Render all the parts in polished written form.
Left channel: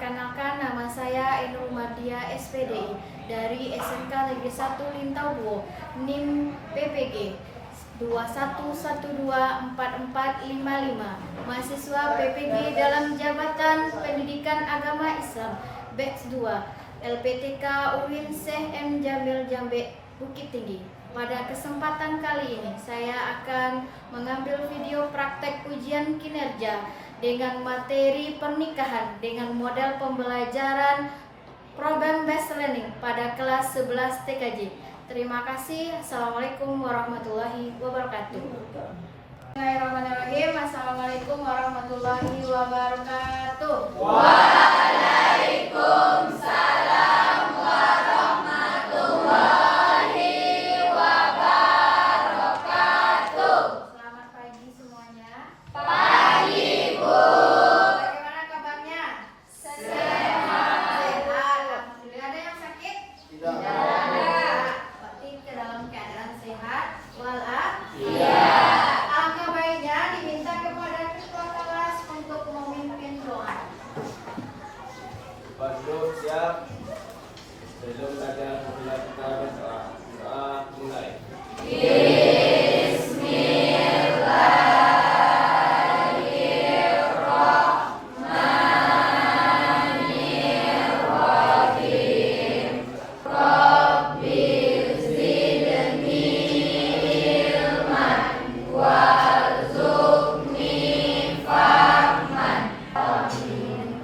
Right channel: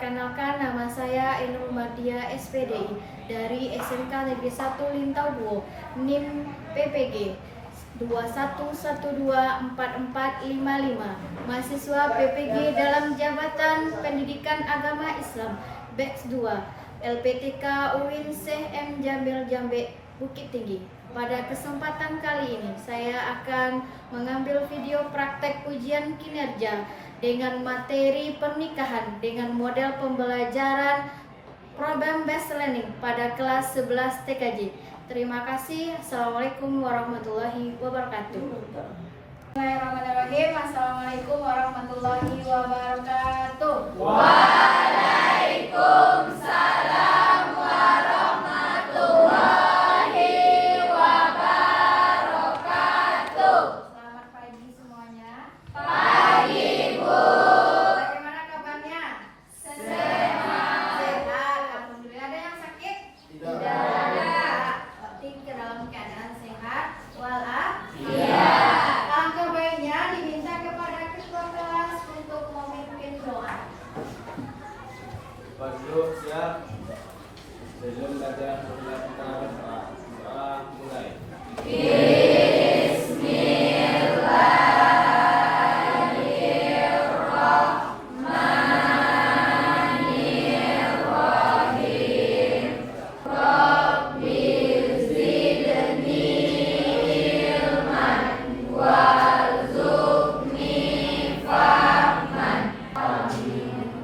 Perkenalkan, nama saya Ainul Mardia SPDI dari SMK Negeri 1 Lintau Duo, NIM PPG 21124455, mahasiswa PPG dalam Jabatan Pendidikan Agama Islam Batch 2 LPTK UIN Syekh M Jamil Jambe Bukit Tinggi. Pada kesempatan kali ini saya akan mengambil video praktek ujian kinerja dengan materi pernikahan dengan model pembelajaran Problem Based Learning pada kelas 11 TKJ. Terima kasih. Assalamualaikum warahmatullahi wabarakatuh. Bismillahirrahmanirrahim. Assalamualaikum warahmatullahi wabarakatuh. Waalaikumsalam warahmatullahi wabarakatuh. Selamat pagi semuanya. Pagi, Bu. Bagaimana kabarnya? Sehat. Sehat. Alhamdulillah. Ada yang sakit? Tidak. Berarti ke dalam keadaan sehat walafiat. Iya. Langkah baiknya diminta kepada ketua kelas untuk memimpin doa. Pak Guru siap. Sebelum belajar kita berdoa. Doa mulai.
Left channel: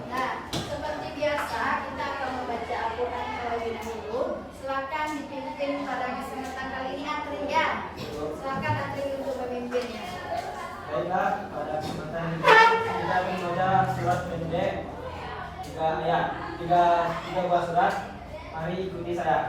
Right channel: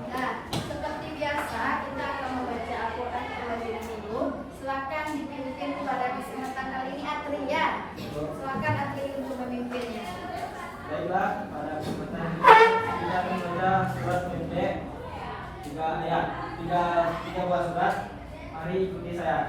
Nah, seperti biasa kita akan membaca Al-Quran terlebih dahulu. Silakan dipimpin pada kesempatan kali ini Atri ya. Silakan Atri untuk memimpinnya. Baiklah, pada kesempatan ini kita membaca surat pendek. Tiga buah surat. Mari ikuti saya.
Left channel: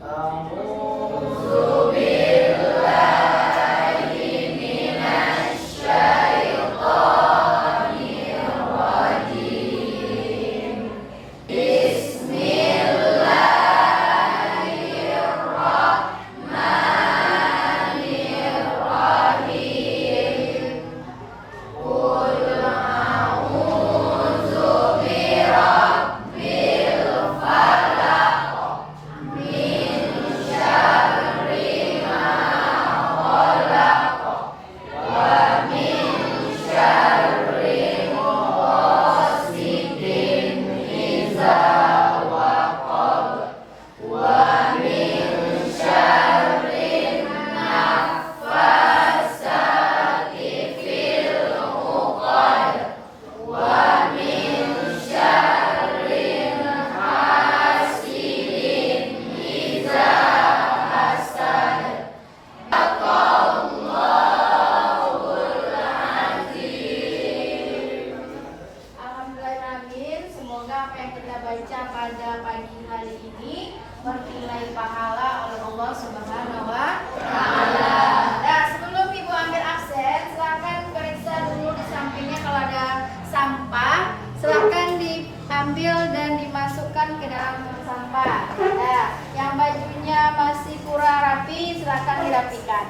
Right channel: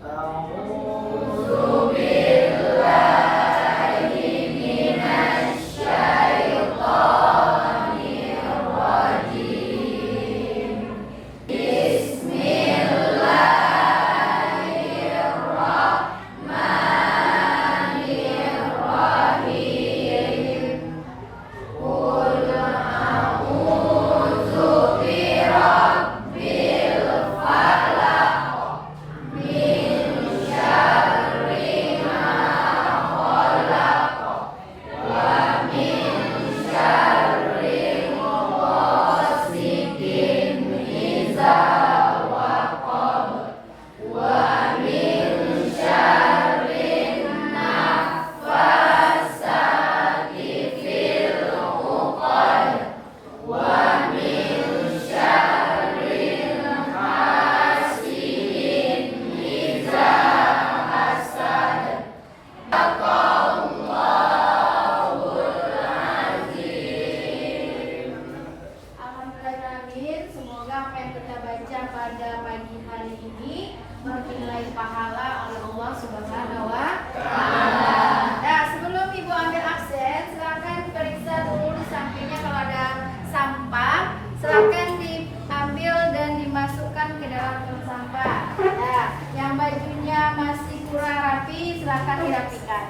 Alhamdulillahirrahmanirrahim. Semoga apa yang kita baca pada pagi hari ini bernilai pahala oleh Allah Subhanahu wa Ta'ala. Nah, sebelum Ibu ambil absen, silakan periksa dulu di sampingnya kalau ada sampah, silakan diambil dan dimasukkan ke dalam tong sampah. Nah, yang bajunya masih kurang rapi, silakan dirapikan.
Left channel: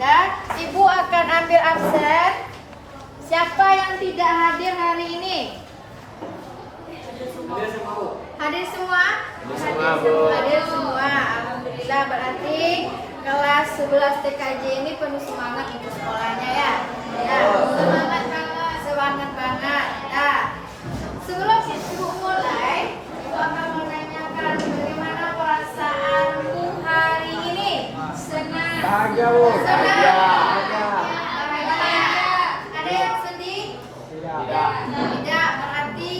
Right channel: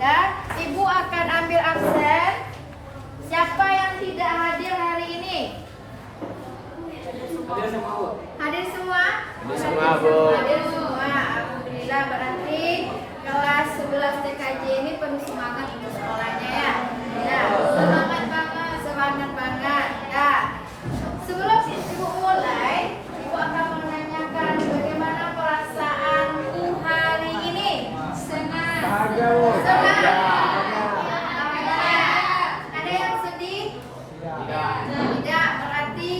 Dan Ibu akan ambil absen. Siapa yang tidak hadir hari ini? Hadir semua? Hadir semua. Alhamdulillah, berarti kelas 11 TKJ ini penuh semangat untuk sekolahnya ya. Ya, semangat banget, semangat banget. Nah, sebelum Ibu mulai, Ibu akan menanyakan bagaimana perasaanku hari ini. Senang. Senang. Ada yang sedih? Tidak, berarti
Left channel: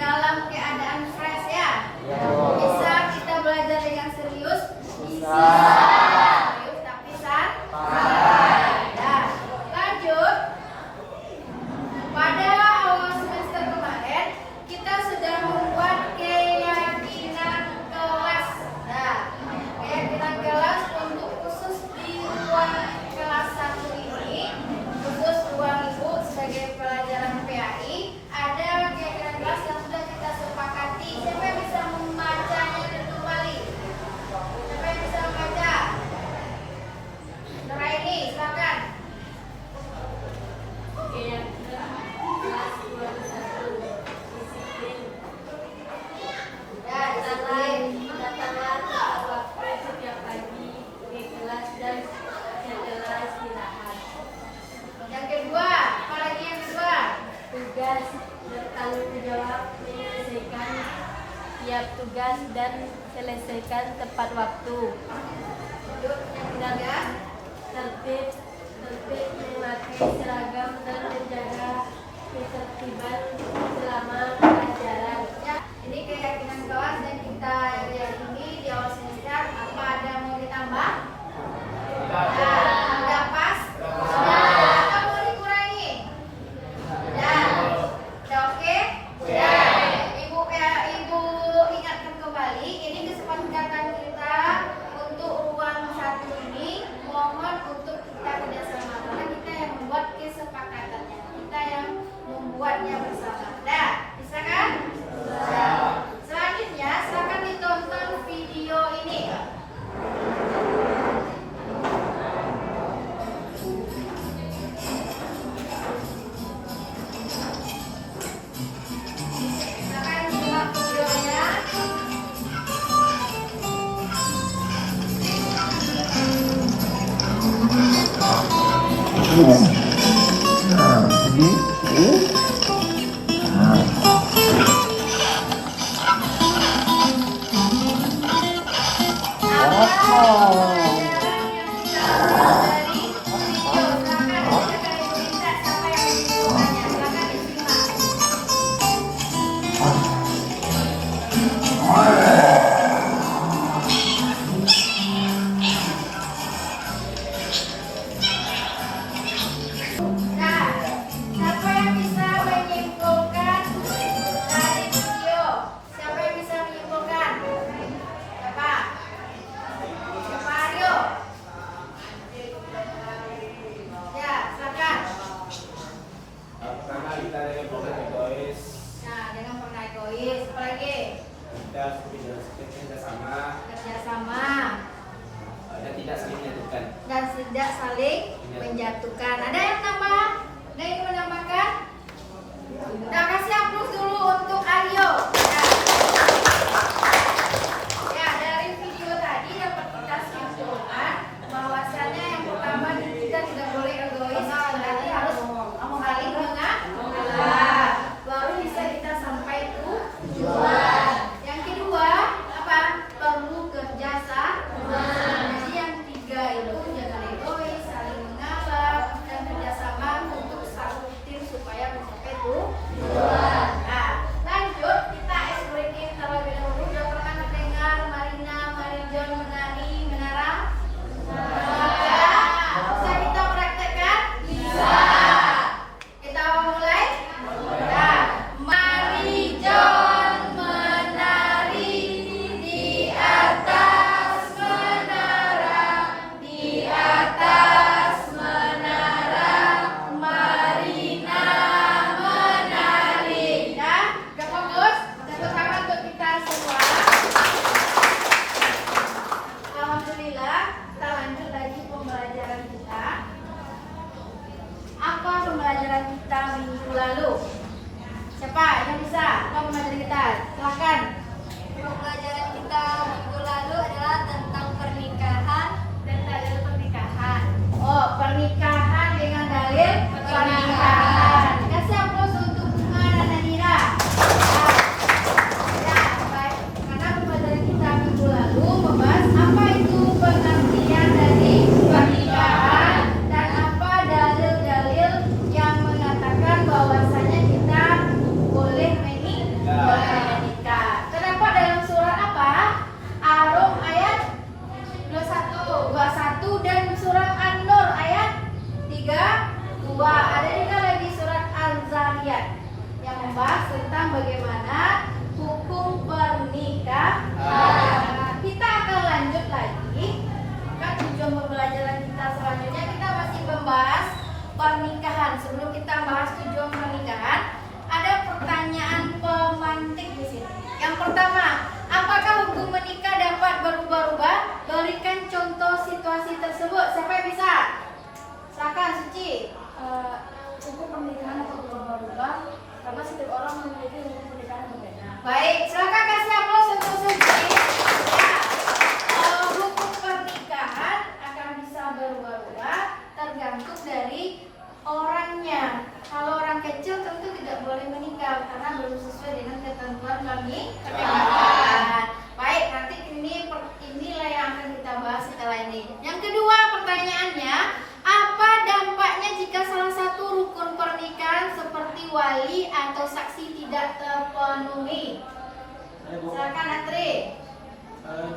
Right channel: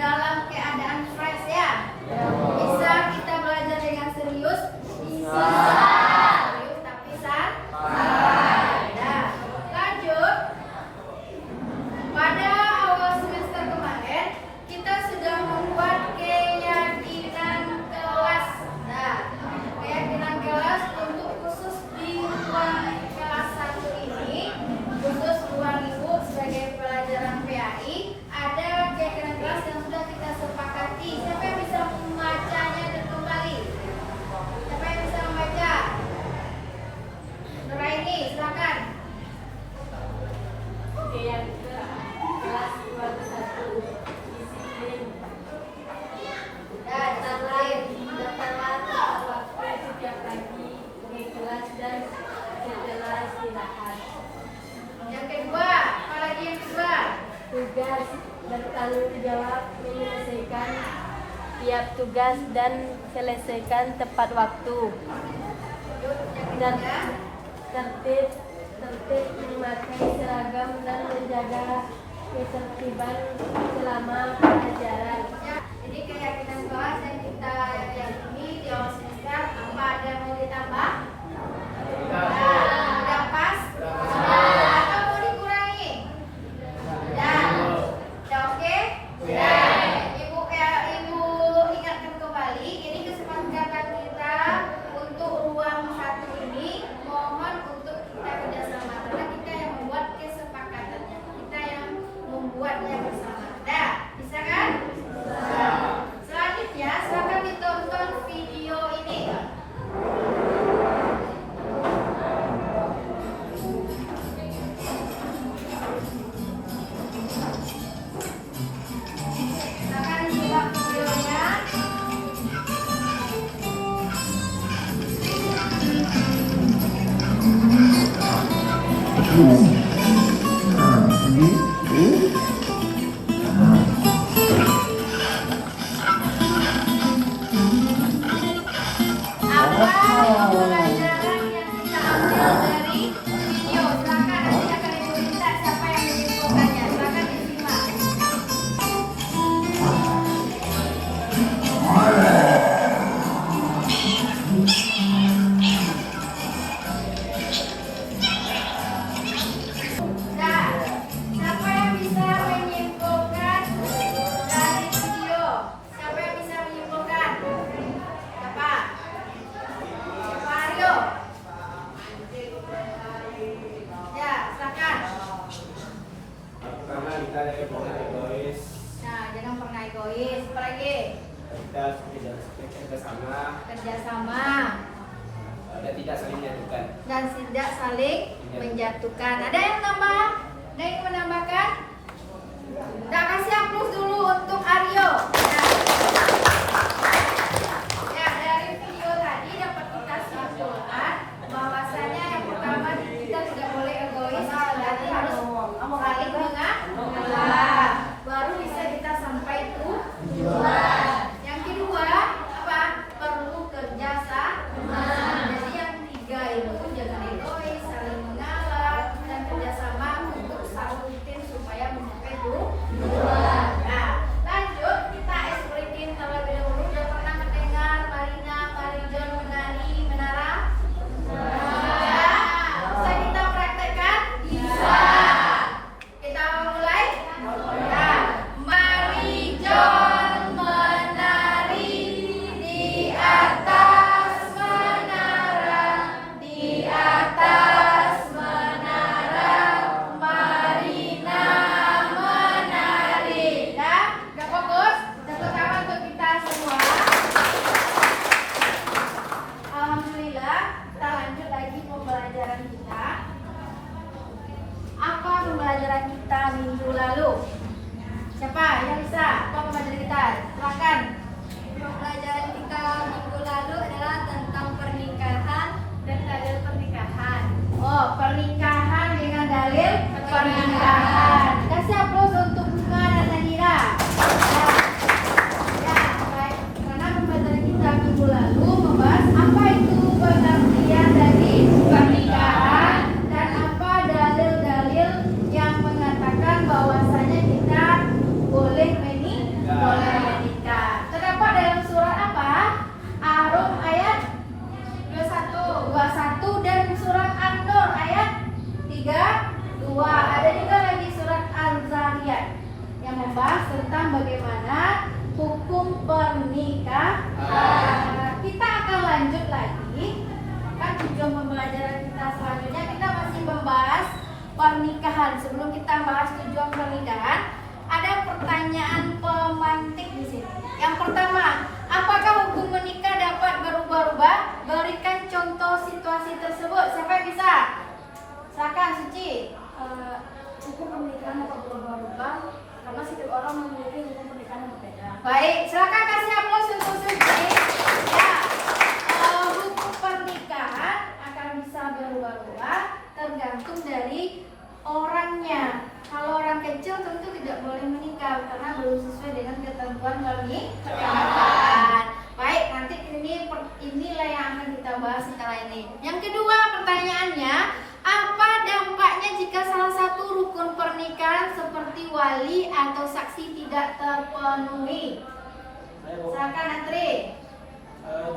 dalam keadaan fresh ya. Bisa kita belajar dengan serius? Bisa. Serius tapi santai. Nah, lanjut. Pada awal semester kemarin kita sudah membuat keyakinan kelas. Nah, keyakinan kelas untuk khusus di ruang kelas selesaikan tiap tugas dan selesaikan tepat waktu. Tertib memakai seragam dan menjaga ketertiban selama pelajaran. Ini keyakinan kelas dan kita yang ini di awal semester. Apa ada yang mau ditambah? Udah pas? Apa mau dikurangi? Udah oke? Ibu ingatkan kembali. Ini kesepakatan kita untuk ruang satu ini. Mohon untuk kita kerjasama karena kita yang membuat kesepakatannya. Kita yang membuatnya bersama. Bisa kan? Selanjutnya, silakan ditonton video ini. Silakan simak videonya. Siapa yang bisa menyimpulkan dari video? Siapa yang bisa menyimpulkan? Siapa? Siapa Aryo? Ya, silakan. Pertama kita ada pernah egois. Nah, jangan pernah egois. Apa lagi? Kita kerjasama Kerjasama dan tidak saling menyatukan. dan tidak saling menjatuhkan. Ada yang nambah? Ada yang menambahkan? Udah kasih hapus dulu untuk Aryo. Ya, dari video tadi dapat kita simpulkan bahwasanya yang pertama kita tidak boleh egois, berarti harus saling mengalah. Baru bisa kita sampai tujuan. Yang kedua apa? Perlu kerjasama. Jadi yang ketiga itu jangan egois, saling mengalah dan kerjasama untuk satu tim supaya mencapai tujuan. Nah, lanjut kita explaining terlebih dahulu. Sudah pernah mendengar Marina, Marijon menari menara? Bisa kita praktekkan? Bisa. Kita mulai? Nah, Marijon menari di atas menara, di atas menara, Marina menari. Dah, udah fokus? Tepuk tangan untuk kita semua. Alhamdulillah, kita lanjut lagi pembelajaran kita. Apa pembelajaran kita minggu lalu? Siapa yang bisa? Apa pembelajaran kita? Silakan. Pelajaran kita minggu lalu adalah tentang pernikahan dan dalil pernikahan. Oh, pernikahan dengan dalil pernikahan. Kasih aplaus untuk Bima dan Nadira. Ya, baik. Karena pembelajaran kita minggu lalu membahas apa itu pengertian dari pernikahan dan apa dalil-dalil yang mengatakan bahwasanya kita boleh menikah. Terdapat dalam surat apa? Ar-Rum ayat 21 dan surat An-Nur ayat 32. Ada juga lagi surat Al-Zariyat yang membahas tentang bagaimana hukum pernikahan. Kita akan lanjut lagi. Kan tujuan pembelajaran kita selanjutnya kita masih membahas pernikahan. Sebelum kita bahas tujuan pernikahan, ada pertanyaan pemantik di sini. Yang pertama, apakah hukum menikah dapat berubah-ubah? Berikan contoh situasi tersebut. Siapa yang bisa? Silakan, Suci. Hukum pernikahan dapat berubah-ubah karena setiap orang memiliki hukum pernikahan yang berbeda. Baik, silakan kasih aplaus untuk Suci. Ya, hukum pernikahan akan bisa berubah-ubah tergantung dari orangnya. Kalau orang kecil tentu tidak boleh menikah karena belum sesuai dengan ketentuan ketentuan pernikahan. Baik, nanti inilah yang akan kita bahas setelah ini. Yang kedua pertanyaannya, apa dampaknya jika salah satu rukun pernikahan seperti wali atau saksi tidak terpenuhi? Silakan Atri.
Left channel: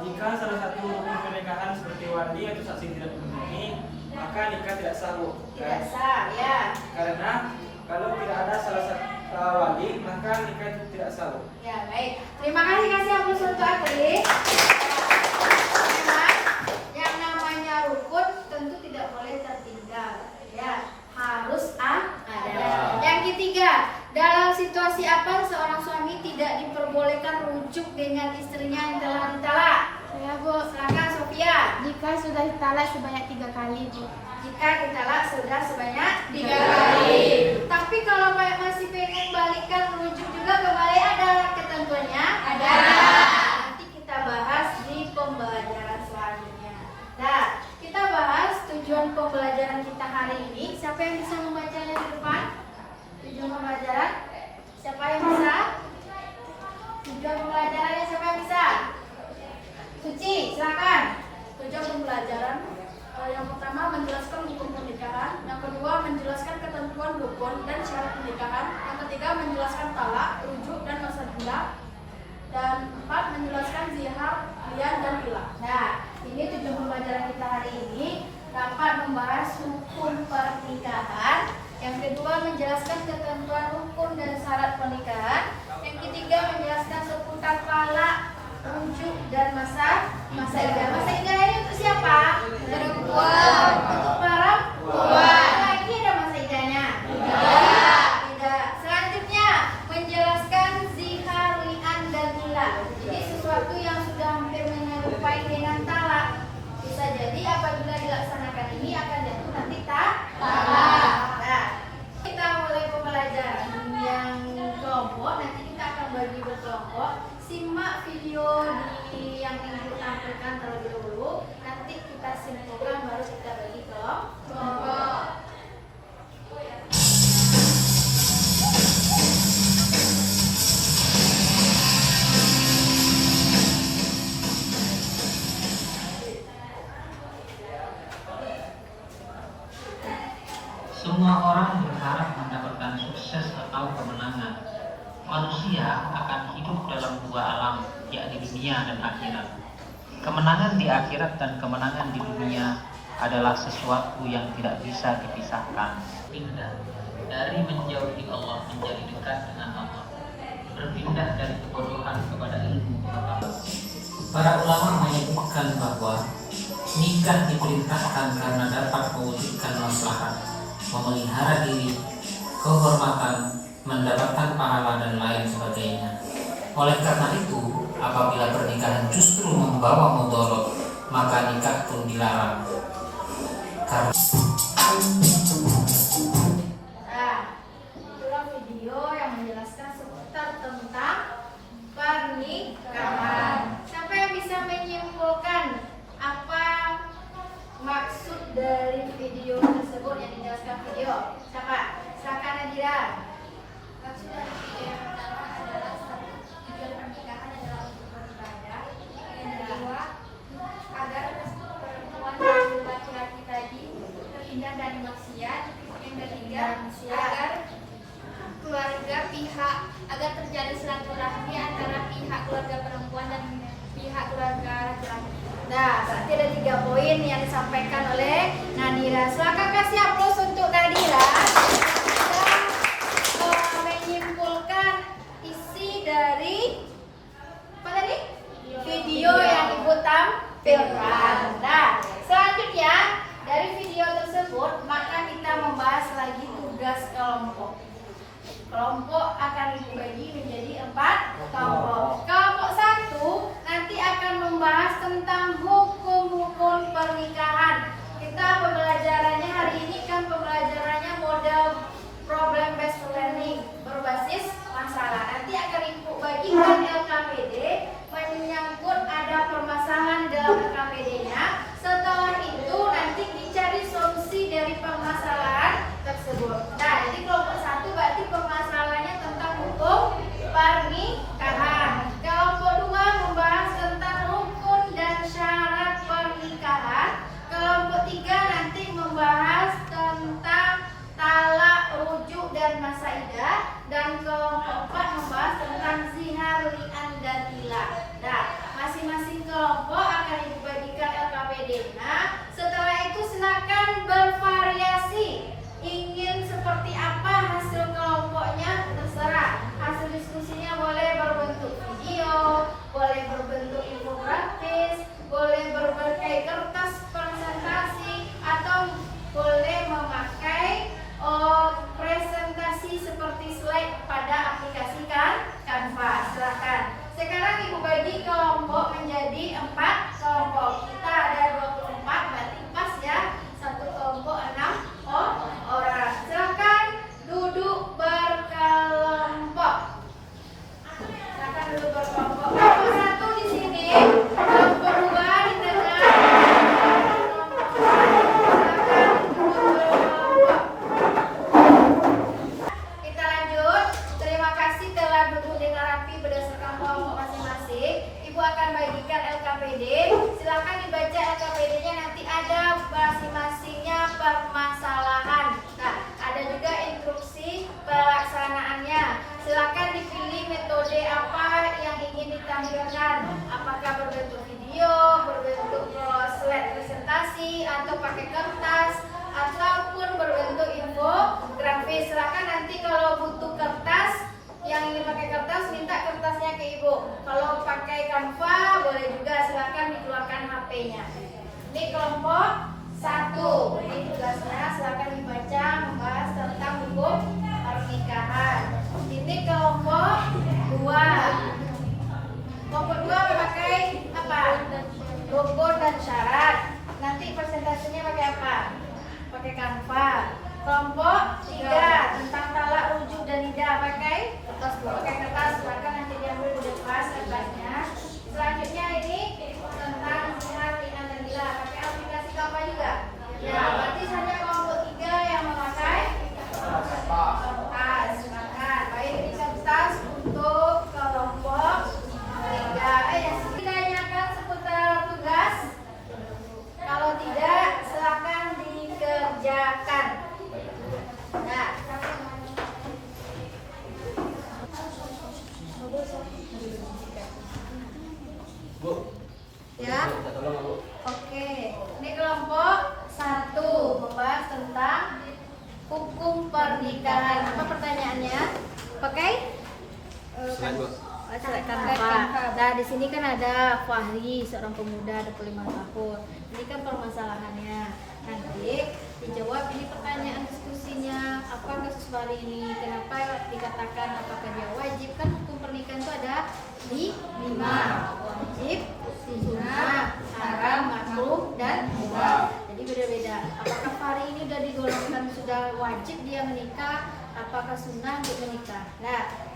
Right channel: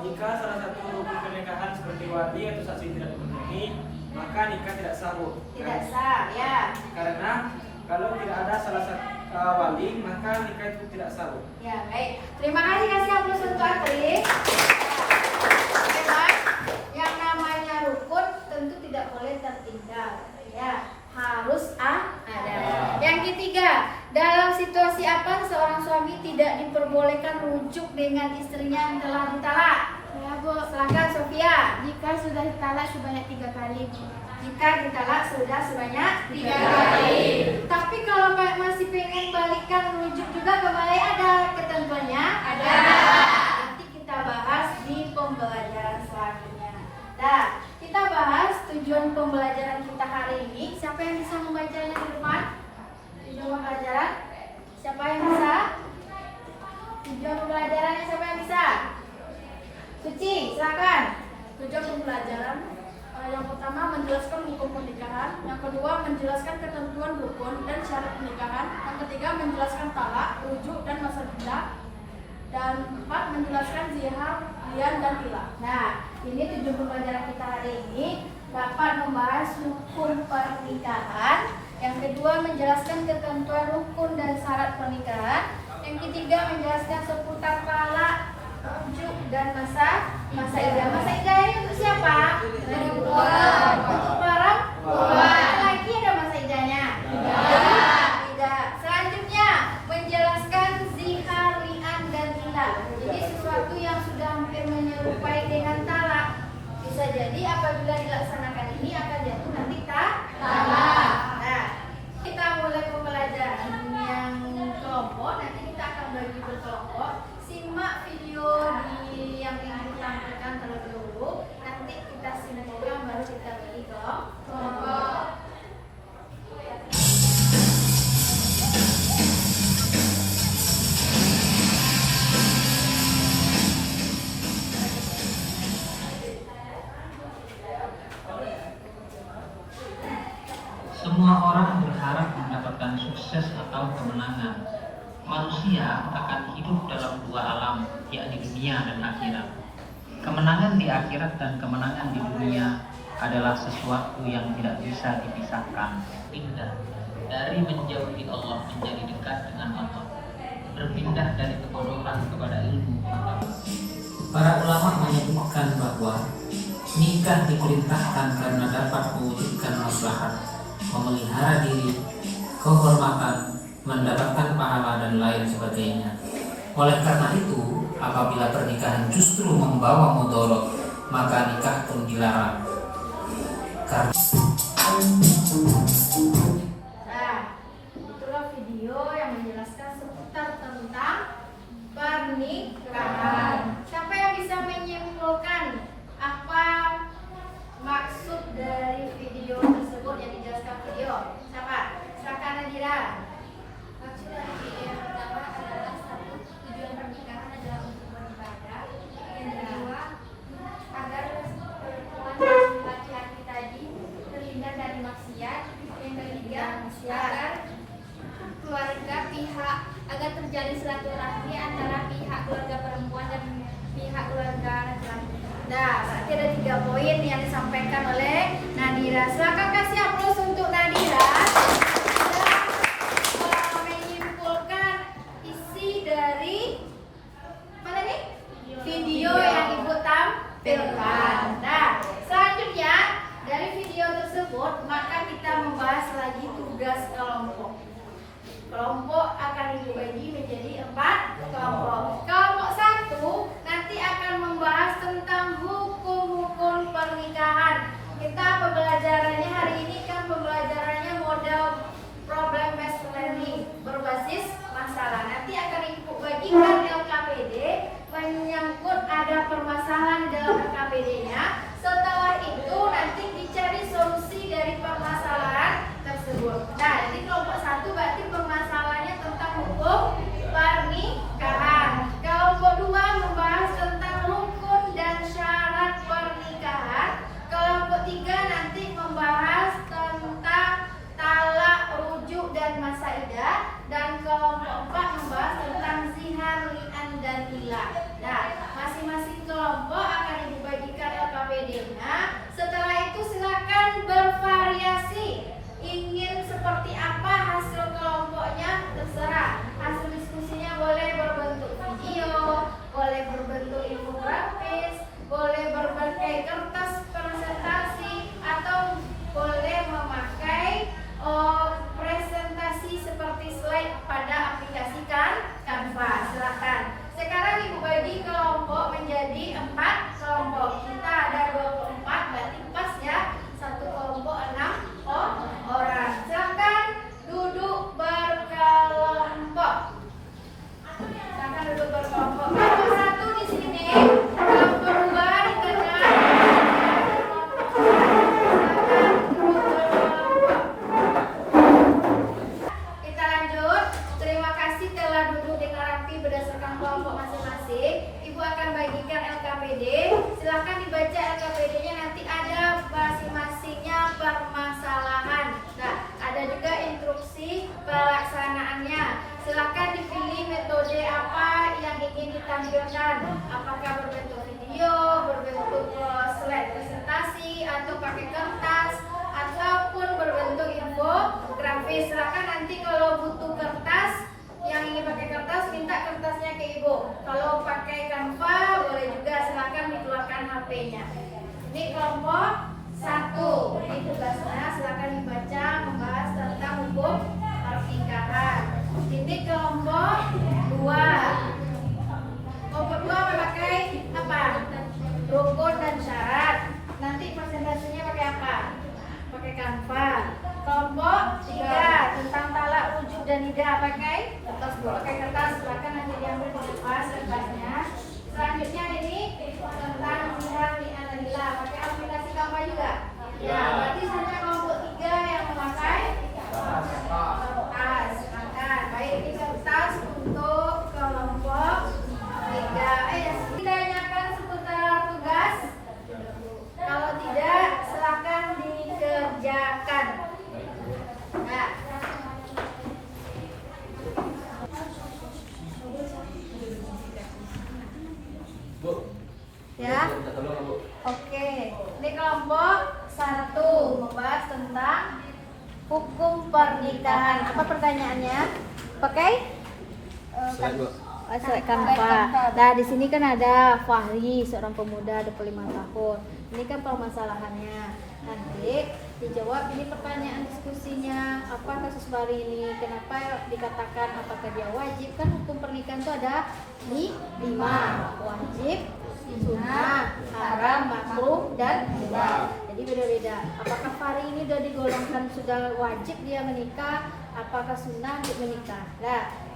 Jika salah satu rukun pernikahan seperti wali atau saksi tidak terpenuhi, maka nikah tidak sah, Bu. Tidak sah, ya. Karena kalau tidak ada salah satu wali, maka nikah itu tidak sah, Bu. Ya, baik. Terima kasih aplaus untuk Atri. Memang yang namanya rukun tentu tidak boleh tertinggal. Ya, harus ada. Yang ketiga, dalam situasi apa seorang suami tidak diperbolehkan rujuk dengan istrinya yang telah ditalak? Ya, Bu. Silakan Sofia. Jika sudah ditalak sebanyak 3 kali, Bu. Jika ditalak sudah sebanyak 3 kali. Tapi kalau masih pengen balikan rujuk juga kembali ada ketentuannya? Ada. Nanti kita bahas di pembelajaran selanjutnya. Nah, kita bahas tujuan pembelajaran kita hari ini. Siapa yang bisa membacanya di depan? Tujuan pembelajaran? Siapa yang bisa? Tujuan pembelajarannya siapa yang bisa? Suci, silakan. Tujuan pembelajaran yang pertama menjelaskan hukum pernikahan, yang kedua menjelaskan ketentuan rukun dan syarat pernikahan, yang ketiga menjelaskan talak, rujuk dan masa pindah, dan 4 menjelaskan zihar, lian dan ilah. Nah, ini tujuan pembelajaran kita hari ini dapat membahas hukum pernikahan, yang kedua menjelaskan ketentuan rukun dan syarat pernikahan, yang ketiga menjelaskan seputar talak, rujuk dan masa idah. Masa idah ini untuk siapa? Perempuan. Untuk perempuan. Lagi ada masa idahnya? Tidak. Selanjutnya menjelaskan zihar, li'an dan ilah. Jadi sesuatu yang sudah hampir menyerupai dengan talak. Bisa jadi apabila dilaksanakan ini akan jatuh nanti talak. Nah, kita mulai pembelajaran yang kelompok. Nanti kita akan bagi berkelompok. Simak video yang ingin ditampilkan terlebih dahulu. Nanti kita simpulkan baru kita bagi kelompok. Semua orang berharap mendapatkan sukses atau kemenangan. Manusia akan hidup dalam 2 alam, yakni dunia dan akhirat. Kemenangan di akhirat dan kemenangan di dunia adalah sesuatu yang tidak bisa dipisahkan. Pindah dari menjauhi Allah menjadi dekat dengan Allah. Berpindah dari kebodohan kepada ilmu pengetahuan. Para ulama menyebutkan bahwa nikah diperintahkan karena dapat mewujudkan maslahat, memelihara diri, kehormatan, mendapatkan pahala dan lain sebagainya. Oleh karena itu, apabila pernikahan justru membawa mudarat, maka nikah pun dilarang. Karena Nah, itulah video yang menjelaskan seputar tentang pernikahan. Siapa yang bisa menyimpulkan apa maksud dari video tersebut yang dijelaskan video? Siapa? Silakan Nadira. Maksud dari video yang pertama adalah tujuan pernikahan adalah untuk beribadah. Yang kedua, agar perempuan dan laki-laki tadi terhindar dari maksiat. Yang ketiga, agar keluarga agar terjalin silaturahmi antara pihak keluarga perempuan dan pihak keluarga laki-laki. Nah, berarti ada 3 poin yang disampaikan oleh Nadira. Silakan kasih aplaus untuk Nadira. Menyimpulkan isi dari apa tadi? Video yang Ibu tampilkan. Nah, selanjutnya dari video tersebut maka kita membahas lagi tugas kelompok. Kelompok akan dibagi menjadi 4 kelompok. Kelompok 1 nanti akan membahas tentang hukum-hukum pernikahan. alhamdulillah. Nah, masing-masing kelompok akan Ibu bagikan LKPD-nya. Setelah itu silakan bervariasi. Ingin seperti apa hasil kelompoknya terserah. Hasil diskusinya boleh berbentuk video, boleh berbentuk infografis, boleh berbagai kertas presentasi, atau boleh memakai presentasi seperti slide pada aplikasi Canva. Silakan. Sekarang Ibu bagi kelompok menjadi 4 kelompok. Kita ada 24, berarti pas ya. Satu kelompok 6 orang. Silakan duduk berkelompok. Silakan duduk berkelompok. Kelompok 1 di sini, kelompok 2 di tengah. Kita lanjut. Terima kasih telah duduk dengan rapi berdasarkan kelompok masing-masing. Ibu akan bagikan LKPD. Silakan dibaca LKPD-nya, nanti ada masing-masingnya permasalahan. Nah, ada juga instruksi pelaksanaannya. Silakan dipilih metode apa yang ingin ditampilkan. Apakah berbentuk video, berbentuk slide presentasi, atau pakai kertas, ataupun berbentuk infografis. Silakan nanti kalau butuh kertas, yang ingin pakai kertas minta kertasnya ke Ibu. Kalau pakai Canva boleh juga, silakan dikeluarkan HP-nya. Ini kelompok 1. Ini tugasnya, silakan dibaca membahas tentang hukum pernikahan. Ini kelompok 2. Kelompok 2 memakai apa? Rukun dan syarat. Nanti presentasinya pakai apa? Pakai Canva. Kelompok 3 tentang talak, rujuk dan nidah pakai kertas. Pakai kertas, silakan nanti diambil di depan kertasnya. Selanjutnya ini tentang jihad fi'anillah, pakai aplikasi Canva juga. Ya, berarti hanya kelompok 3 yang memakai kertas. Silakan. Baik, ini kertas untuk kelompok 3. Ditanyakan seputar tugas. Kalau tidak, silakan dikerjakan. Nah, Bu. ya. Minta tolong, Bu. Oke. Ini kelompok 1 membahas tentang hukum pernikahan. Apa pertanyaannya? Pakai Slide, Bu. Canva. Nah, di sini kan ada Fahri, seorang pemuda 25 tahun. Ini kan permasalahannya. Nanti dijawab, ini pertanyaan diskusinya, apa kasus Fahri ini, kenapa dikatakan, apakah dia wajib. Kan hukum pernikahan itu ada 5, wajib, sunnah, haram, makruh, dan mubah. Jadi beda-beda. Apakah Fahri ini sudah digolongkan sudah wajib dia menikah, apakah sunnah untuk menikah. Nah,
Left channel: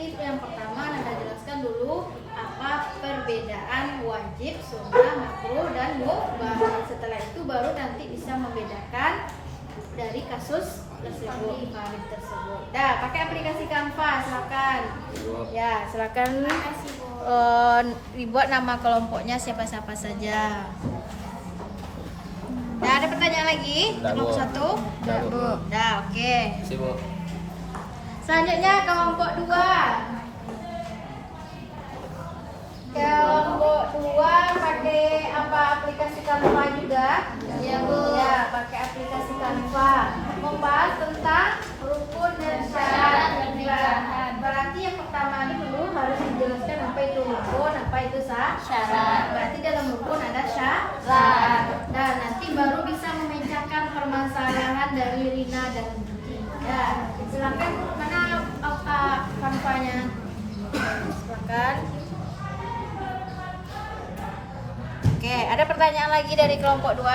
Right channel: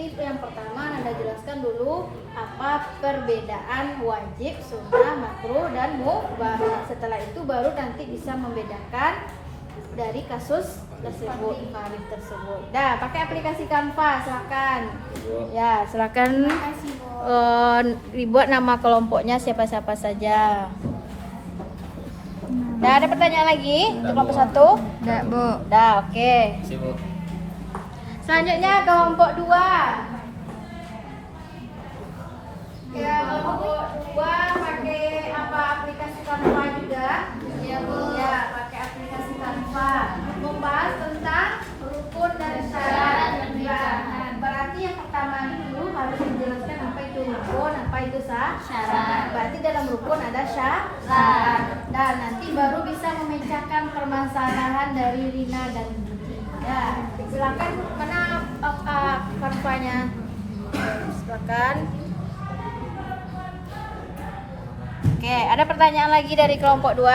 tip yang pertama Anda jelaskan dulu apa perbedaan wajib, sunnah, makruh, dan mubah. Setelah itu baru nanti bisa membedakan dari kasus tersebut, tarif tersebut. Nah, pakai aplikasi Canva, silakan. Ya, silakan. Dibuat nama kelompoknya siapa-siapa saja. Nah, ada pertanyaan lagi? Kelompok 1? Dah, oke. Isi, Bu. Selanjutnya kelompok 2. Kelompok 2 pakai apa? Aplikasi Canva juga? Ya, Bu. Ya, pakai aplikasi Canva. Membahas tentang rukun dan syarat pernikahan. Berarti yang pertama ini dulu harus dijelaskan apa itu rukun, apa itu syarat. Berarti dalam rukun ada syarat. Dan nanti baru bisa memecahkan permasalahan dari Rina dan Gigi. Ya, silakan mana Canva-nya? Silakan. Oke, ada pertanyaan lagi dari kelompok 2?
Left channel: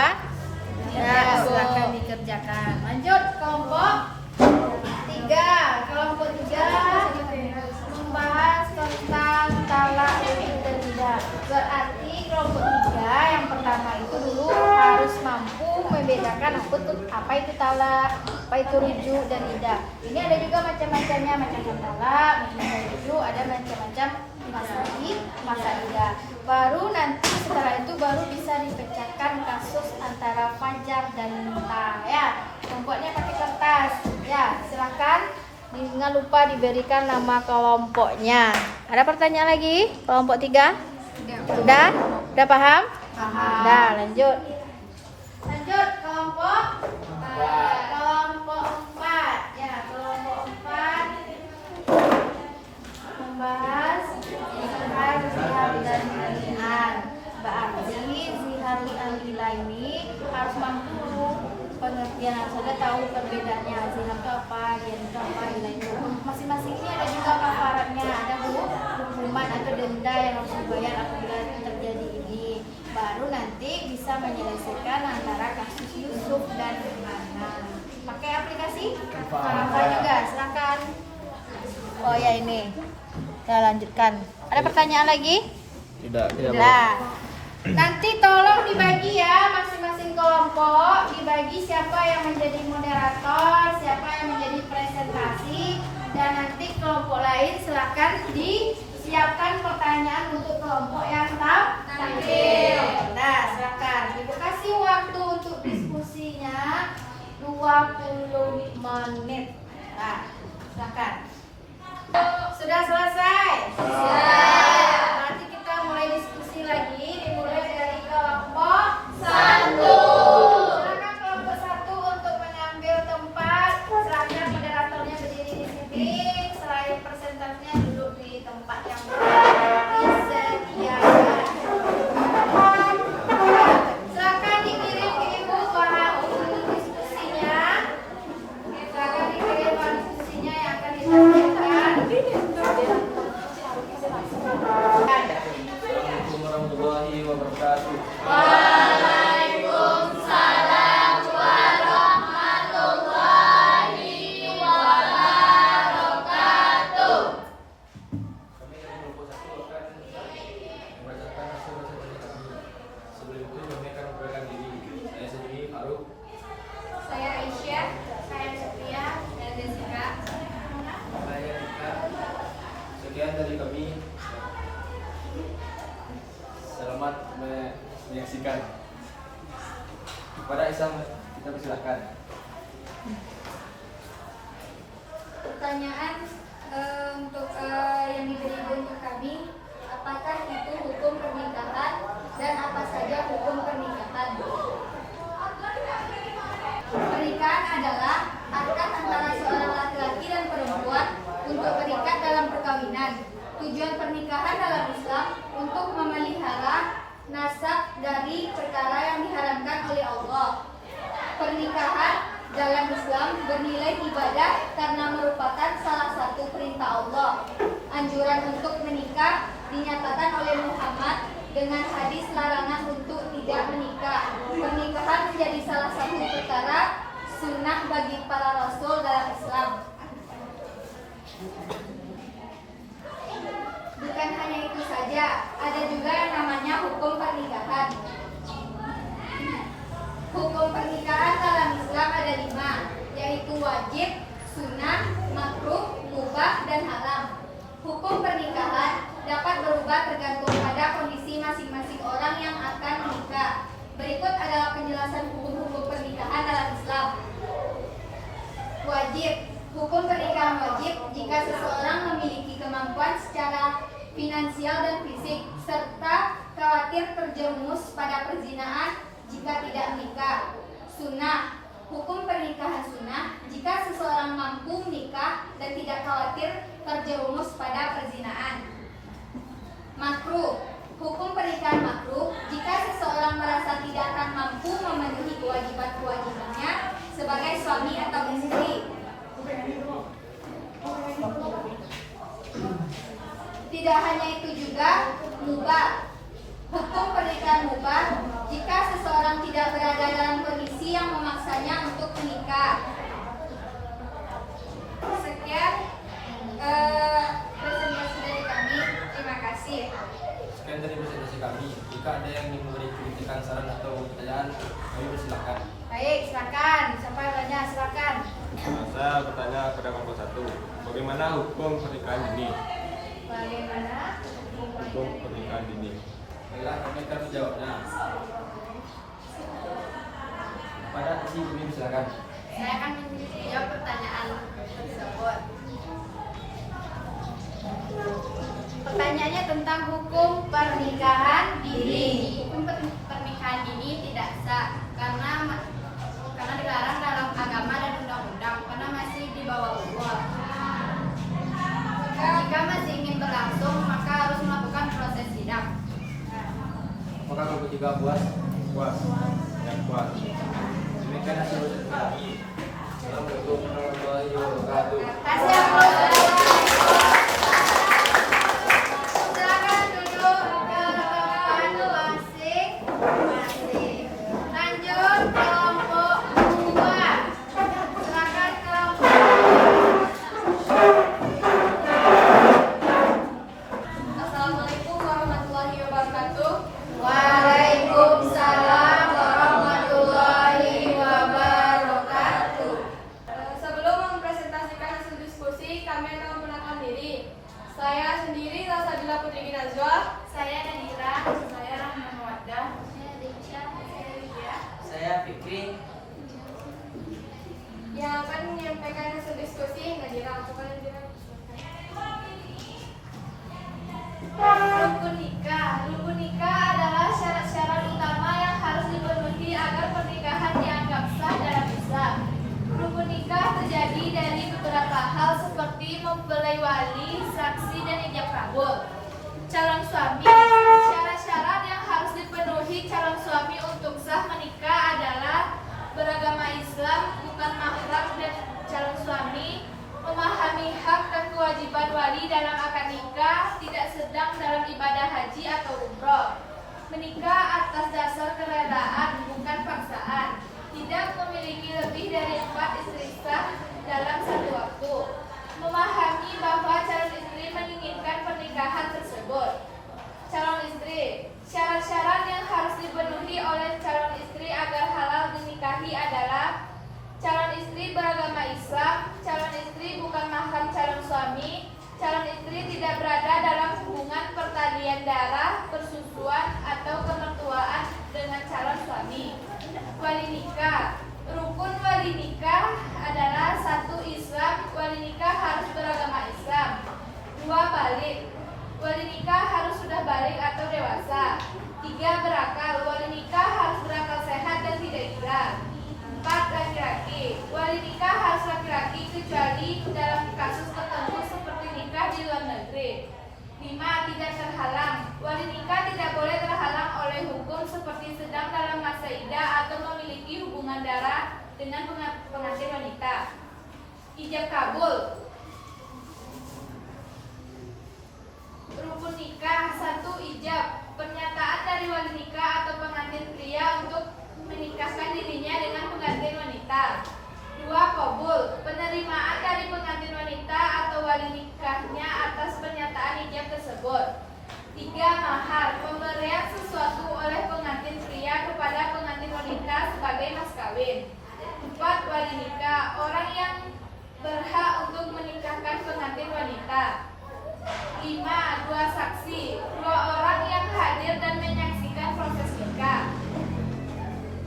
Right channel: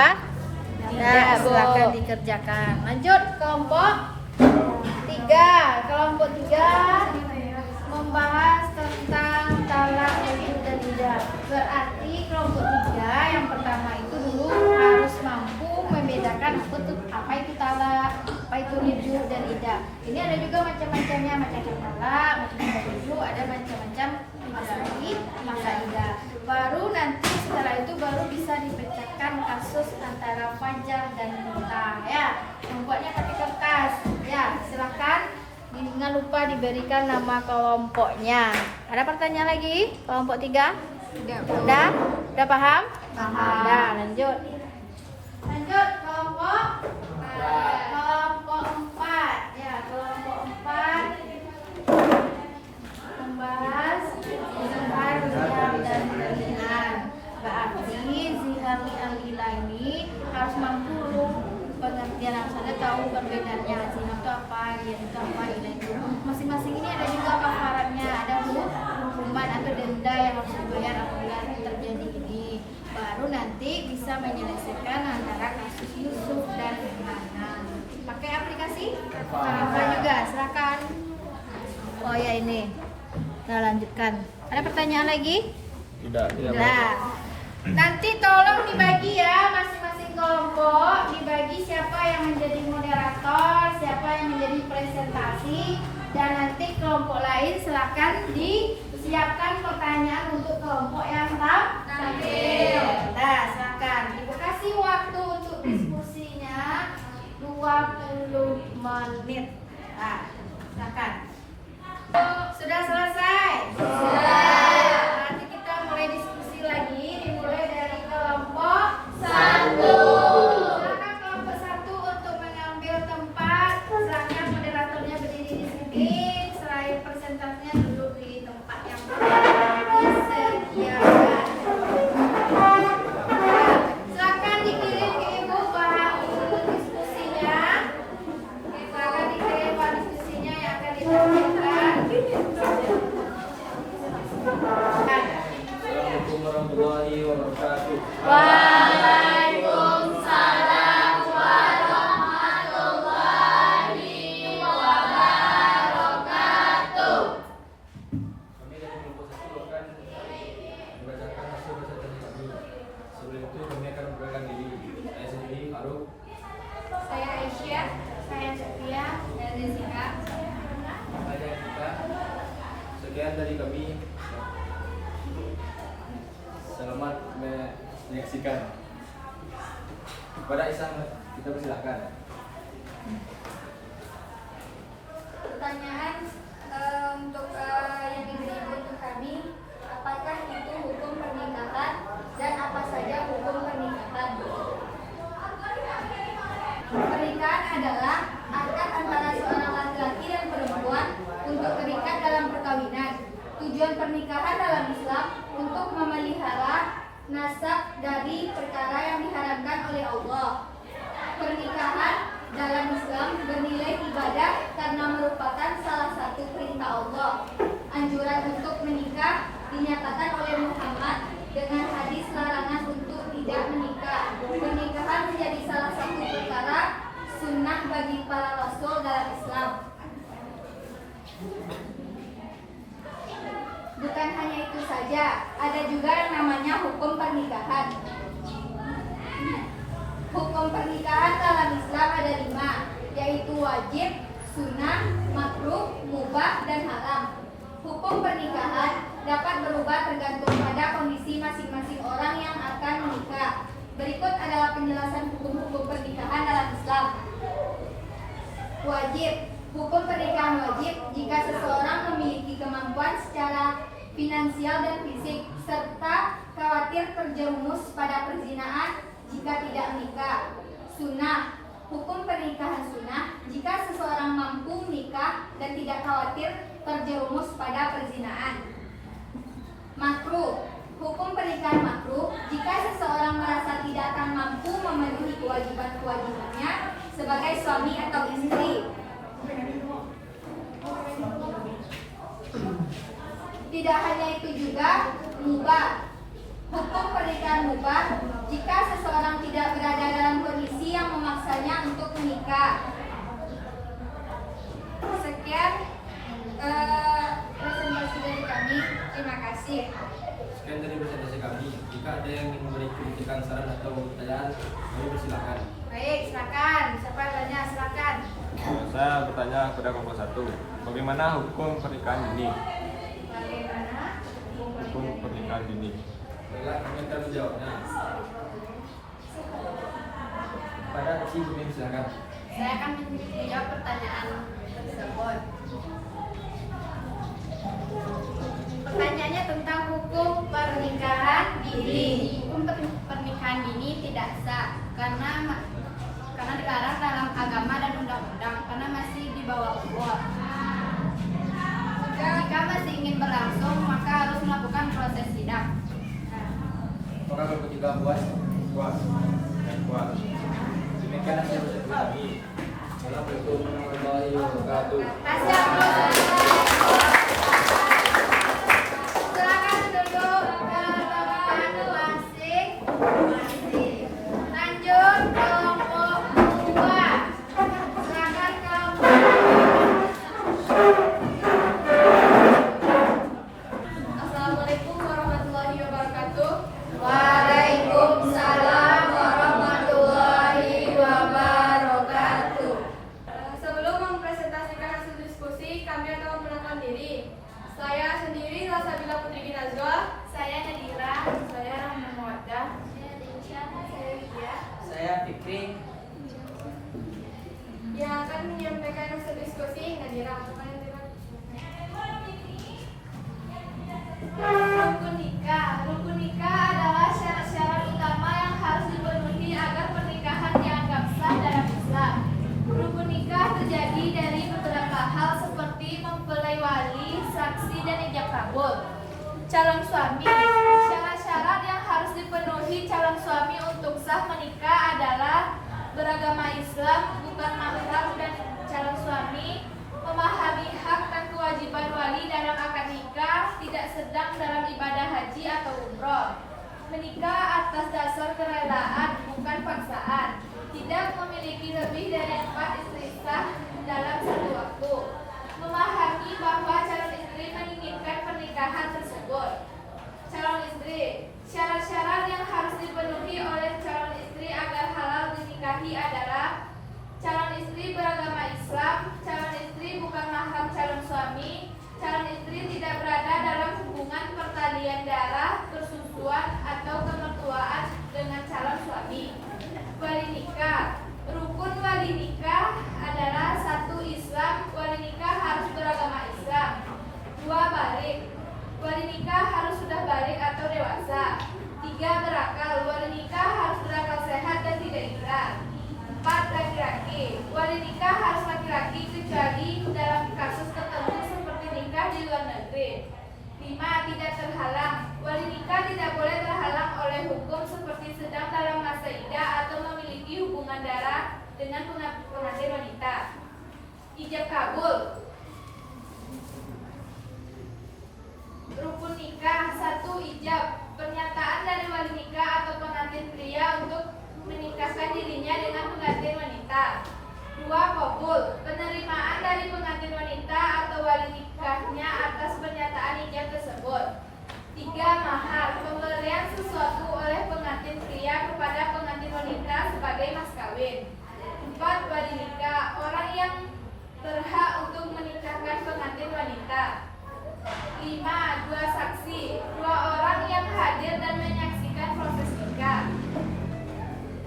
Ya, silakan dikerjakan. Lanjut kelompok 3. Kelompok 3 membahas tentang talak, rujuk, dan nidah. Berarti kelompok 3 yang pertama itu dulu harus mampu membedakan apa itu talak, apa itu rujuk, dan nidah. Ini ada juga macam-macamnya, macam-macam talak, macam-macam rujuk, ada macam-macam masa nidah. Baru nanti setelah itu baru bisa dipecahkan kasus antara fajar dan nikah. Ya, membuatnya pakai kertas. Ya, silahkan Jangan lupa diberikan nama kelompoknya. Ada pertanyaan lagi? Kelompok 3? Udah? Udah paham? Paham. Udah, lanjut. Lanjut kelompok 4. Ya, kelompok 4 membahas zihar, zihar dan bagian. Berarti zihar dan bila ini harus mampu pengertian yang sudah tahu perbedaannya. Zihar itu apa, zihar itu apa, ilah itu. Masing-masing ini ada juga kafaratnya, ada hukuman atau denda yang harus dibayar apabila terjadi ini. Baru nanti bisa menyelesaikan antara kasus Yusuf dan Hana. Pakai aplikasi? Kakak juga, silakan. Oh ya ini. Kita lanjutkan. Ada pertanyaan lagi? Tidak. Nah, nanti tolong dibagi ya masing-masing kelompok, dibagi siapa yang menjadi moderator, siapa yang menjadi presentasi, dan nanti kelompok lain silakan disiapkan pertanyaan untuk kelompok yang tampil. Nah, silakan. Ibu kasih waktu untuk diskusinya 20 menit. Nah, silakan. Sudah selesai? Sudah. Nanti kita mulai diskusi lagi, dimulai dari kelompok 1. Silakan kelompok 1 untuk mengambil tempat. Silakan moderatornya berdiri di sini. Selain presentasinya duduk di tempat yang disediakan. Silakan dikirim ke ibu para diskusinya. Silakan dikirim para diskusinya yang akan ditampilkan. Assalamualaikum warahmatullahi wabarakatuh. Waalaikumsalam warahmatullahi wabarakatuh. Kami dari kelompok 1 akan membacakan hasil bacaan kami. Sebelum itu kami akan memperkenalkan diri. Saya sendiri Faruk. Saya Aisyah, saya Sofia, dan Jessica. Saya Dika. Sekian dari kami. Selamat menyaksikan. Kepada Isam kita persilakan. Pertanyaan untuk yang diberi ibu untuk kami, apakah itu hukum pernikahan dan apa saja hukum pernikahan? Pernikahan adalah akad antara seorang laki-laki dan perempuan untuk terikat dalam perkawinan. Tujuan pernikahan dalam Islam untuk memelihara nasab dari perkara yang diharamkan oleh Allah. Pernikahan dalam Islam bernilai ibadah karena merupakan salah satu perintah Allah. Anjuran untuk menikah dinyatakan oleh Muhammad dengan hadis larangan untuk tidak menikah. Pernikahan menjadi salah satu perkara sunnah bagi para rasul dalam Islam. Bukan hanya itu saja, ada juga yang namanya hukum pernikahan. Hukum pernikahan dalam Islam ada 5, yaitu wajib, sunnah, makruh, mubah, dan haram. Hukum pernikahan dapat berubah tergantung pada kondisi masing-masing orang yang akan menikah. Berikut adalah penjelasan hukum-hukum pernikahan dalam Islam. Wajib. Hukum pernikahan wajib jika seseorang memiliki kemampuan secara finansial dan fisik, serta khawatir terjerumus pada perzinaan jika tidak menikah. Sunnah. Hukum pernikahan sunnah jika seseorang mampu menikah dan tidak khawatir terjerumus pada perzinaan. Makruh. Hukum pernikahan makruh jika seseorang merasa tidak akan mampu memenuhi kewajiban-kewajibannya sebagai suami atau istri. Tidak hanya itu juga, mubah. Hukum pernikahan mubah jika seseorang tidak berada dalam kondisi yang memaksanya untuk menikah. Sekian presentasi dari kami. Terima kasih. Sekian dari presentasi kami. Jika ada yang ingin memberi kritikan, saran atau pertanyaan, kami persilakan. Baik, silakan. Siapa yang tanya? Silakan. Saya bertanya kepada kelompok 1, bagaimana hukum pernikahan dini? Bagaimana? Hukum pernikahan dini. Baiklah, kami akan menjawabnya. Pada si Bumi silakan. Saya akan menjawab pertanyaan tersebut. Pertanyaannya tentang hukum pernikahan dini. Hukum pernikahan dini tidak sah karena dilarang dalam agama dan undang-undang karena masih di bawah umur. Jika masih ingin berlangsung, maka harus melakukan proses sidang. Apakah kamu juga puas? Puas. Puas. Demikian hasil bersatu kami. Assalamualaikum warahmatullahi wabarakatuh. Kasih aplaus. Silakan duduk ke tempat masing-masing. Lanjut kelompok 2. Silakan kelompok 2. Assalamualaikum warahmatullahi wabarakatuh. Waalaikumsalam warahmatullahi wabarakatuh. Sebelum mempresentasikan hasil diskusi, kami akan memperkenalkan diri. Saya sendiri Salsabila Putri Nazwa. Saya Nadira. Saya Rahma Mawaddah. Saya Denisha. Saya Lydia. Saya Fikri. Yang akan menyampaikan hasil diskusi Nadira. Bukan Nadira. Rukun nikah. Rukun nikah adalah syarat-syarat utama yang harus dipenuhi agar pernikahan dianggap sah dalam Islam. Rukun nikah terjadi dari beberapa hal seperti mempelai wali, saksi, dan ijab kabul. Calon suami. Syarat-syarat yang harus dipenuhi calon suami untuk sah menikah adalah beragama Islam, bukan mahram, dan calon suami memahami hak dan kewajiban wali dalam akad nikah, tidak sedang dalam ibadah haji atau umroh. Menikah atas dasar kerelaan, bukan paksaan. Tidak memiliki lebih dari 4 istri sah dalam satu waktu. Memahami bahwa calon istri menginginkan pernikahan tersebut. Calon istri. Syarat-syarat yang harus dipenuhi oleh calon istri agar halal dinikahi adalah calon istri beragama Islam, calon istri bukan mahram calon suami, calon istri tidak berada dalam hubungan pertalian darah, persusuan, atau kemertuaan dengan calon suami. Wali nikah. Rukun wali nikah adalah 1. Islam. Wali nikah harus beragama Islam. 2. Balik. Wali nikah harus sudah balik atau dewasa. 3. Berakal. Wali nikah harus berakal sehat dan tidak gila. 4. Laki-laki. Wali nikah harus laki-laki kecuali dalam kasus tertentu seperti nikah di luar negeri. 5. Tidak terhalang. Wali nikah tidak boleh terhalang oleh hukum seperti sedang dalam masa iddah atau memiliki hubungan darah dengan pengantin wanita. Ijab kabul. Rukun nikah. 1. Ijab. Pernyataan dari wali nikah atau pengantin pria untuk menikahkan dirinya dengan pengantin wanita. 2. Qabul. Penerimaan dari pengantin wanita atau wali nikahnya atas pernyataan ijab tersebut. 3. Mahar. Pemberian sesuatu oleh pengantin pria kepada pengantin wanita sebagai mas kawin. 4. Wali nikah. Orang yang berhak untuk menikahkan pengantin wanita. 5. 2 saksi. 2 orang yang hadir dan menyaksikan proses nikah.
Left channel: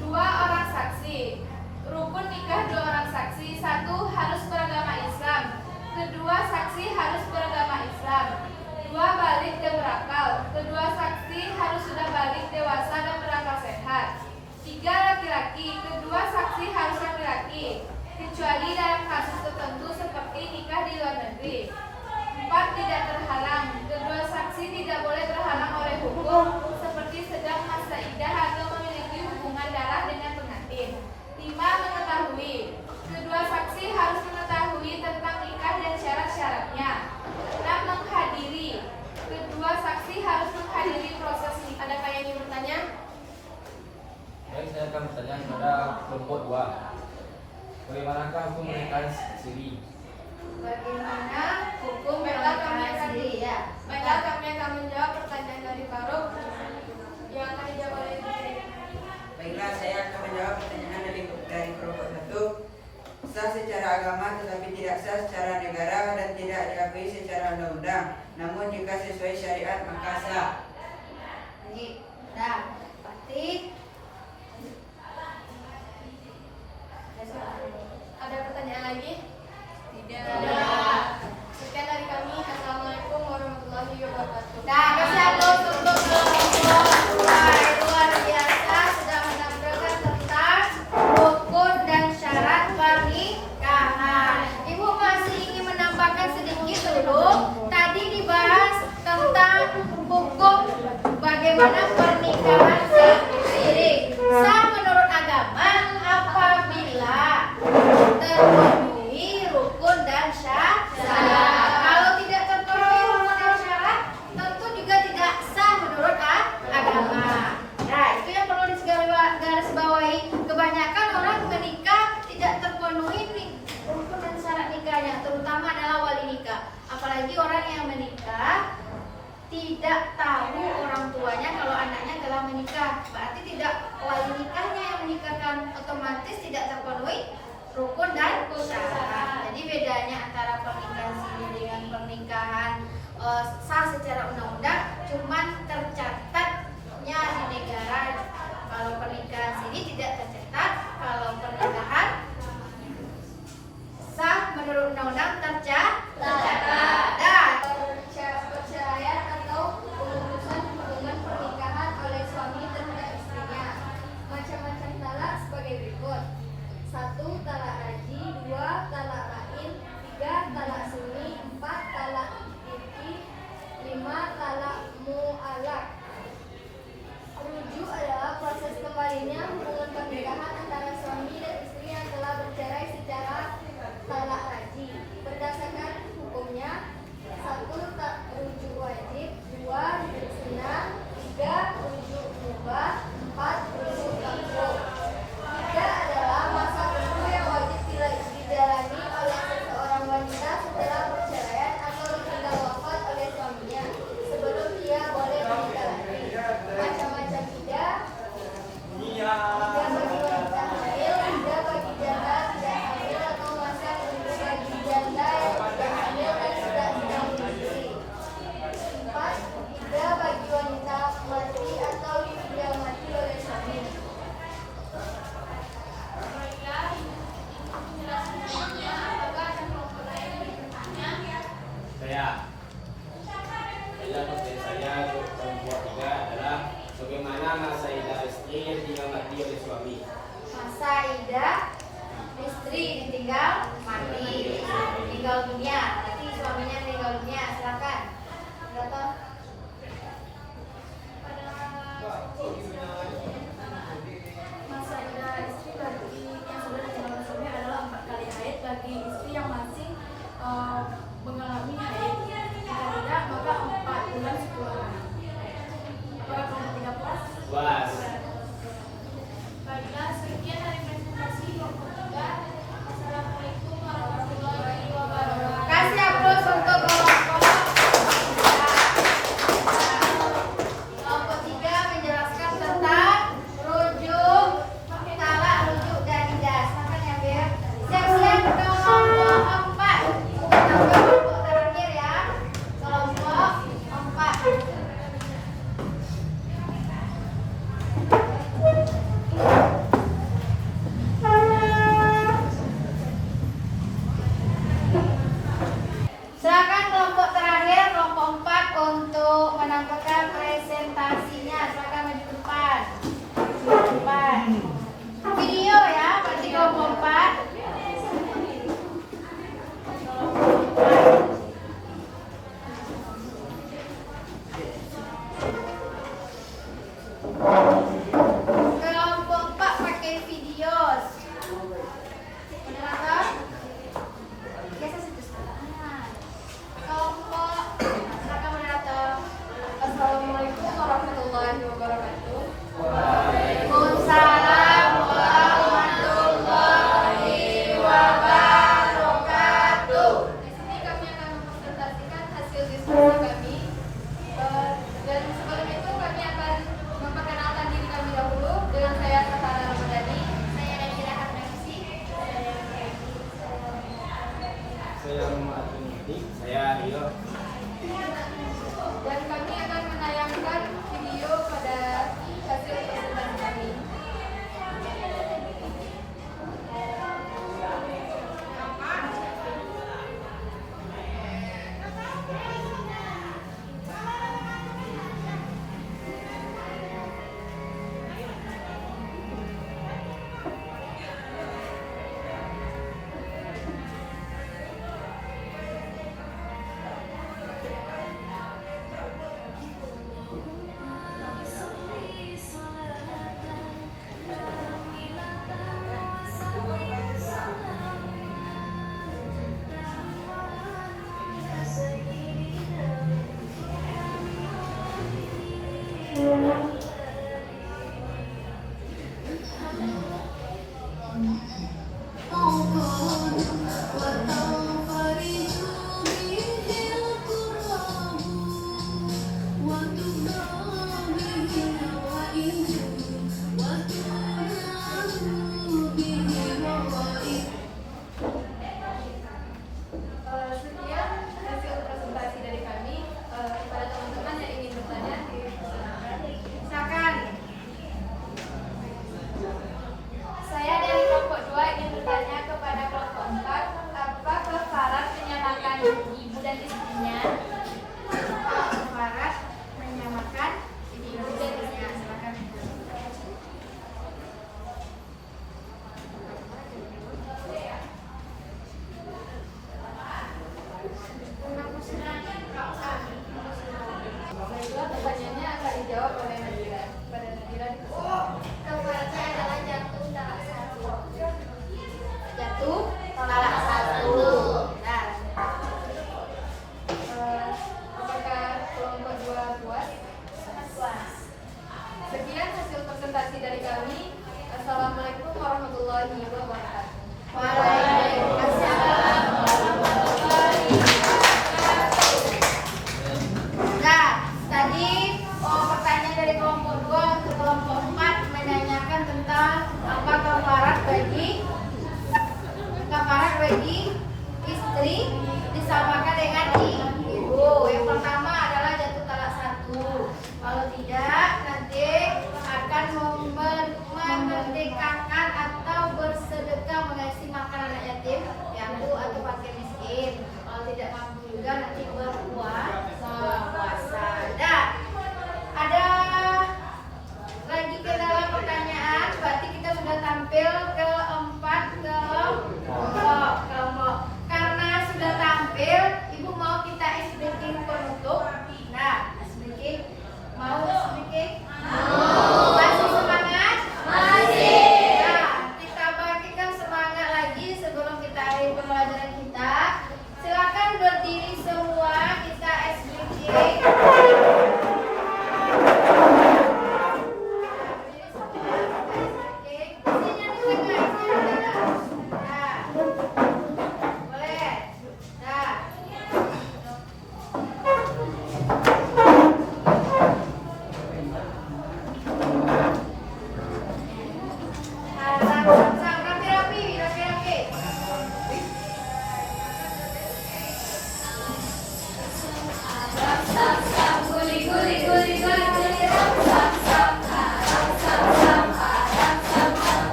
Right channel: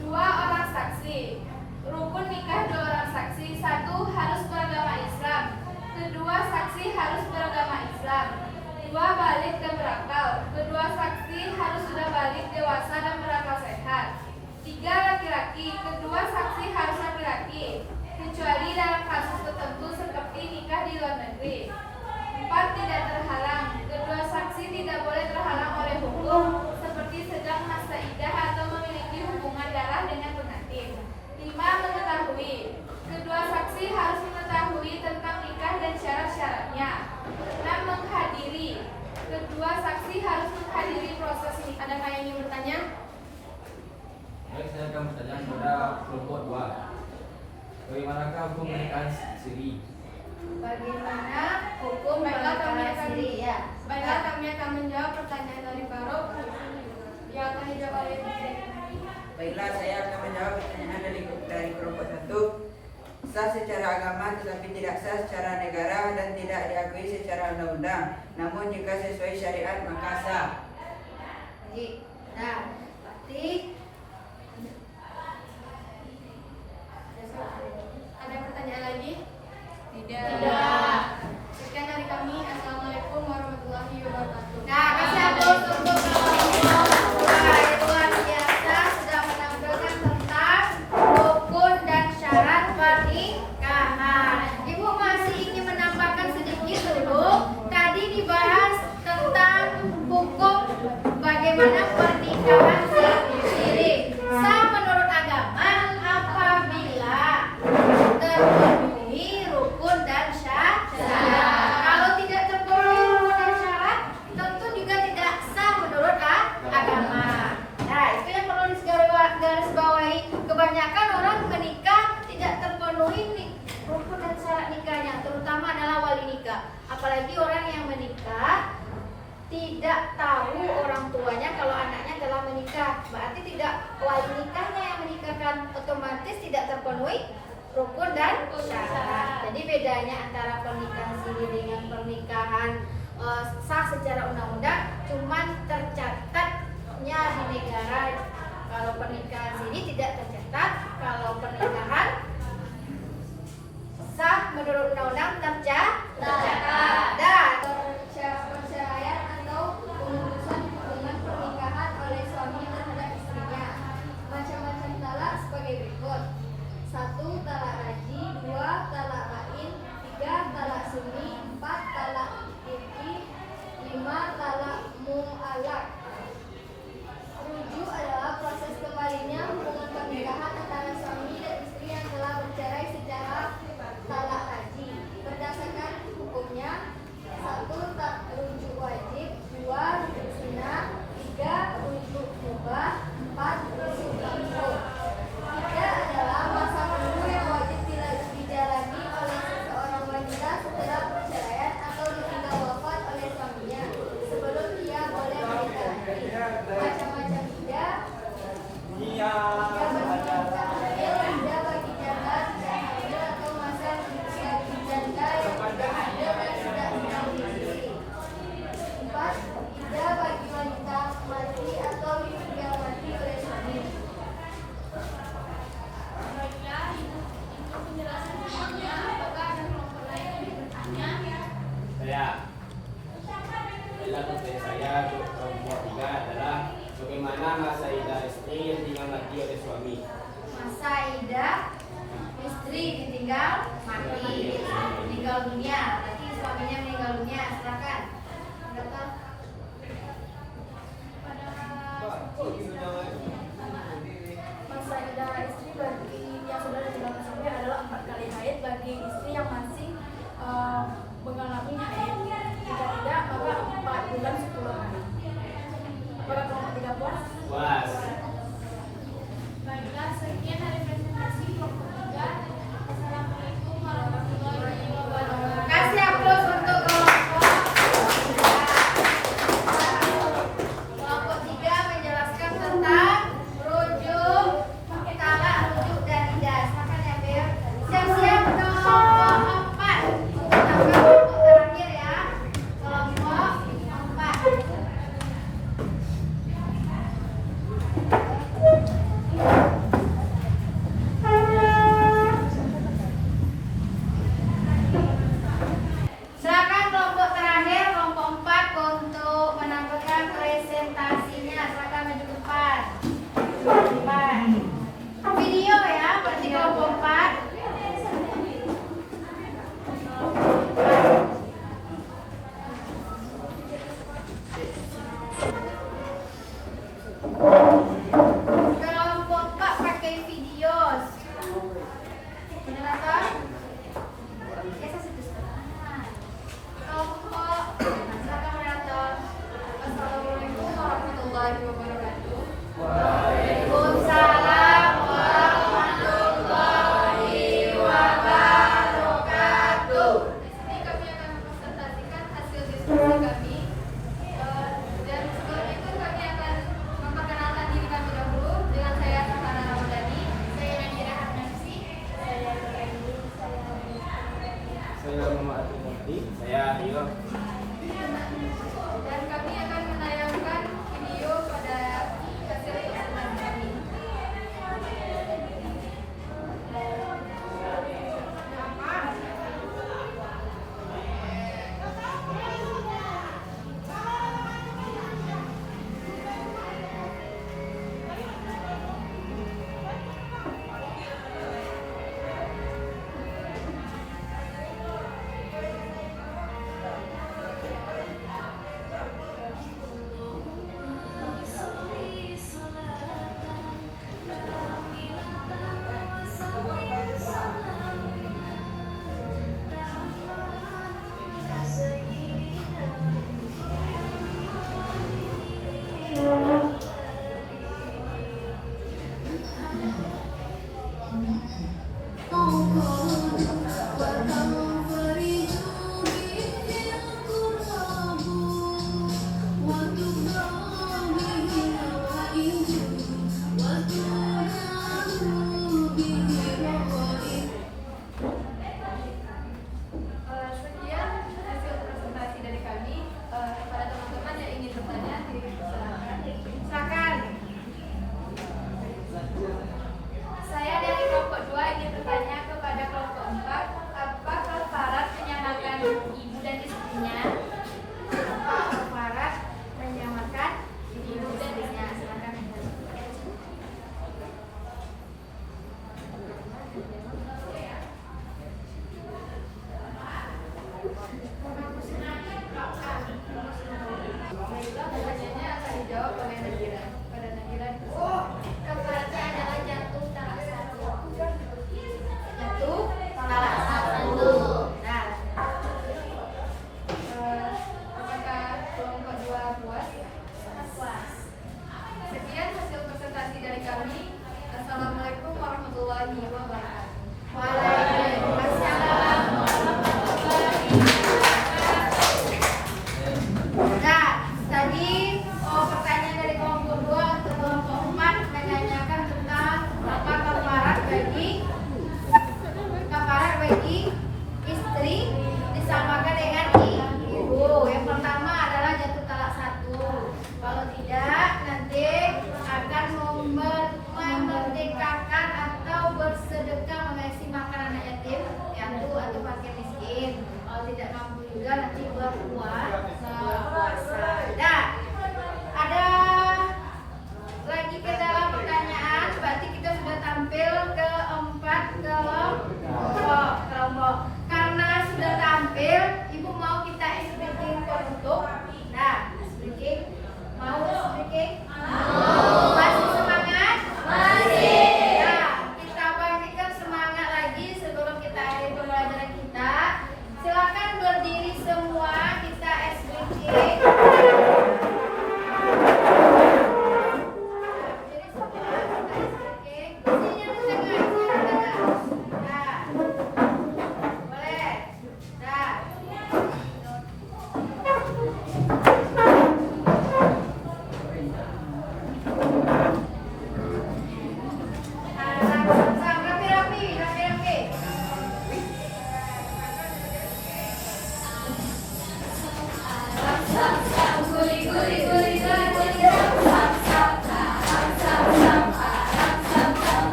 2 orang saksi. Rukun nikah 2 orang saksi. 1. Harus beragama Islam. Kedua, saksi harus beragama Islam. 2. Balik dan berakal. Kedua saksi harus sudah balik, dewasa, dan berakal sehat. 3. Laki-laki. Kedua saksi harus laki-laki, kecuali dalam kasus tertentu seperti nikah di luar negeri. 4. Tidak terhalang. Kedua saksi tidak boleh terhalang oleh hukum seperti sedang masa iddah atau memiliki hubungan darah dengan pengantin. 5. Mengetahui. Kedua saksi harus mengetahui tentang nikah dan syarat-syaratnya. 6. Menghadiri. Kedua saksi harus menghadiri proses nikah. Adakah yang ingin bertanya? Baik, saya akan bertanya kepada kelompok 2. Bagaimanakah hukum pernikahan siri? Bagaimana hukum Baiklah, kami pernikahan akan siri ya? Baiklah, kami akan menjawab pertanyaan dari Faruk yang akan dijawab oleh Baiklah, saya akan menjawab pertanyaan dari kelompok 1. Sah secara agama tetapi tidak sah secara negara dan tidak diakui secara undang-undang. Namun jika sesuai syariat maka sah. Baik. Nah, pasti lagi? Tidak. Sekian dari kami. Assalamualaikum warahmatullahi wabarakatuh. Nah, kasih aplaus untuk wah, itu luar biasa sudah menampilkan tentang rukun dan syarat pernikahan. Ibu masih ingin menambahkan sedikit dulu. Tadi dibahas tentang hukum bagaimana pernikahan siri. Sah menurut agama apabila terpenuhi rukun dan syarat. Kalau tidak terpenuhi rukun dan syarat, tentu juga tidak sah menurut agama. Nah, itu yang perlu digarisbawahi. Kebanyakan orang menikah tidak terpenuhi rukun dan syarat nikahnya, terutama adalah wali nikah. Apalagi orang yang menikah tidak tahu orang tuanya kalau anaknya telah menikah, berarti tidak wali nikahnya yang menikahkan, otomatis tidak terpenuhi rukun dan syarat. Jadi bedanya antara pernikahan siri dengan pernikahan sah secara undang-undang cuman tercatatnya di negara. Kalau pernikahan siri tidak tercatat, kalau pernikahan sah menurut undang-undang tercatat. Dan Perceraian atau pemutusan hubungan pernikahan oleh suami terhadap istrinya. Macam-macam talak sebagai berikut: 1. Talak raji, 2. Talak bain, 3. Talak sunni, 4. Talak irki, 5. Talak mu'alak. Rujuk adalah proses kembalinya hubungan pernikahan antara suami dan istri yang telah bercerai secara talak raji. Berdasarkan hukumnya: 1. Rujuk wajib, 2. Rujuk sunnah, 3. Rujuk mubah, 4. Rujuk makruh. 3 adalah masa tunggu yang wajib dijalani oleh seseorang wanita setelah perceraian atau ditinggal wafat oleh suaminya sebelum ia boleh menikah lagi. Macam-macam iddah: 3 bagi wanita hamil, 3 bagi janda tidak hamil atau masa tunggu bagi janda yang tidak hamil dan tidak dikawini. 4. Iddah bagi wanita mati atau yang mati oleh suami. Dalam pertanyaan saya untuk kelompok 3 adalah bagaimana masa iddah istri yang ditinggal mati oleh suami. masa iddah istri ditinggal mati, meninggal dunia, berarti suaminya meninggal dunia. Silakan. Berapa? Masa iddah istri bagi yang sudah ditinggal suami adalah 4 kali haid bagi istri yang masih mengalami haid. Jika tidak, maka 4 bulan 10 hari. Para kelompok 3 puas? Puas. Baiklah, sekian dari presentasi kelompok 3. Assalamualaikum warahmatullahi wabarakatuh. Kasih aplaus untuk kelompok 3. Kelompok 3 menjelaskan tentang rujuk, talak, rujuk dan ijaz. Makan ya, Bir. Siap-siap kelompok 4. Sampai kelompok terakhir ya. Kelompok 4. Silakan kelompok terakhir, kelompok 4 untuk menampilkan presentasinya. Silakan maju depan. Video ya, berarti kelompok 4. Kelompok 4 pakai video. Ini apa? Biasa kelompok silakan moderator. Assalamualaikum warahmatullahi wabarakatuh. Waalaikumsalam warahmatullahi wabarakatuh. Di sini kami akan mempresentasikan hasil diskusi kami. Dan sebelum itu kami akan memperkenalkan diri kami dahulu. Dengan saya Safana Ramadhani, saya Nadira Harnafsi, saya Nuraini, Saya Muhammad Muhammad. Saya Rio. dan kami akan menayangkan video pada hasil presentasi Sekian hasil presentasi dari kami. Kepada teman-teman yang ingin bertanya, silakan.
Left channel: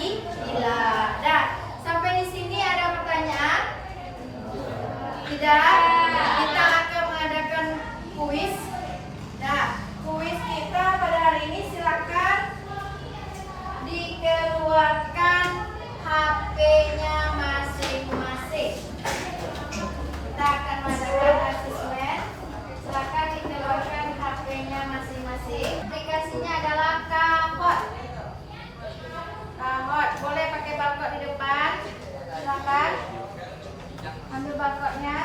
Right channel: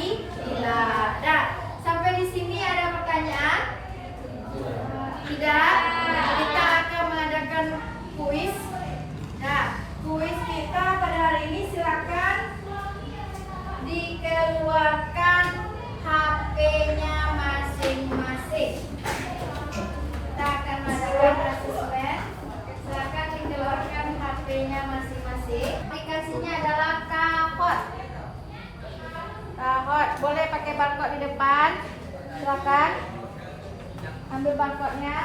fisabilillah. Dah, sampai di sini ada pertanyaan? Tidak. Kita akan mengadakan kuis. Nah, kuis kita pada hari ini silakan dikeluarkan HP-nya masing-masing. Kita akan mengadakan asesmen. Silakan dikeluarkan HP-nya masing-masing. Aplikasinya adalah Kahoot. Kahoot, boleh pakai barcode di depan. Silakan ambil barcode-nya.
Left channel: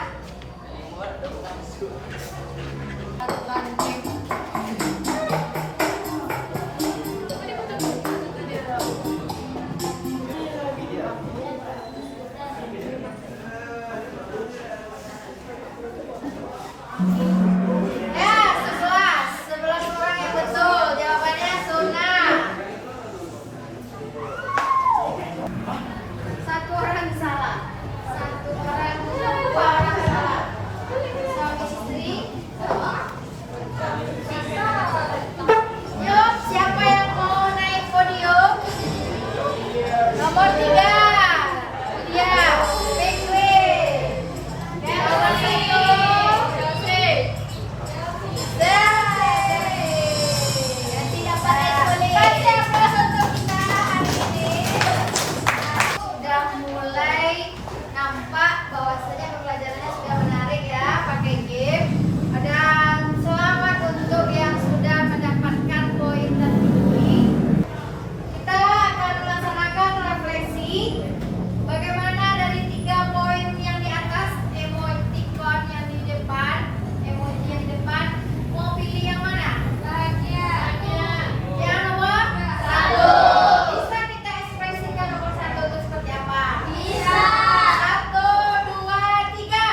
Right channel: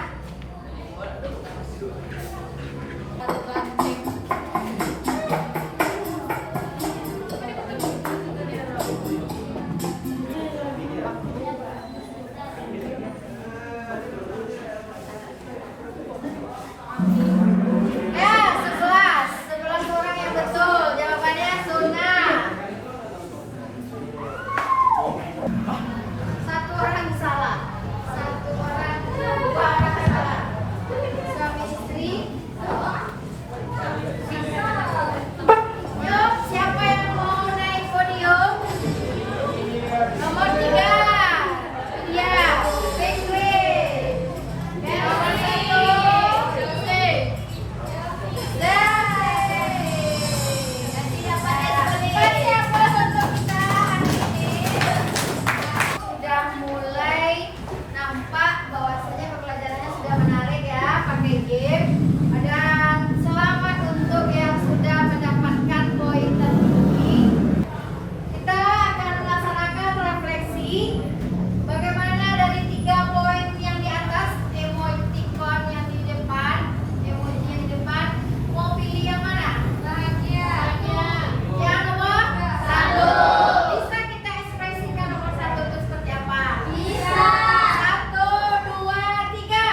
Ya, 11 orang yang betul. Jawabannya sunnah. 1 orang salah. 2 orang salah. Suami istri. Yuk, siapa yang mau naik podium? Nomor 3. Ya, Fikri. Nomor 1. Jose. Nanti dapat siapa untuk kita hari ini? Sudah mulai nampak bahwasanya pembelajarannya sudah menarik ya, pakai game. Dan selamat untuk yang sudah mendapatkan poin tertinggi. Kita akan melaksanakan refleksi. Bagaimana dari 3 poin yang di atas, emoticon yang di depan, emoji yang di depan, mau pilih yang mana? Bahagia. Yang nomor 1. Bisa kita ekspresikan nomor 1 itu seperti apa? Bisa. 1, 2, 3.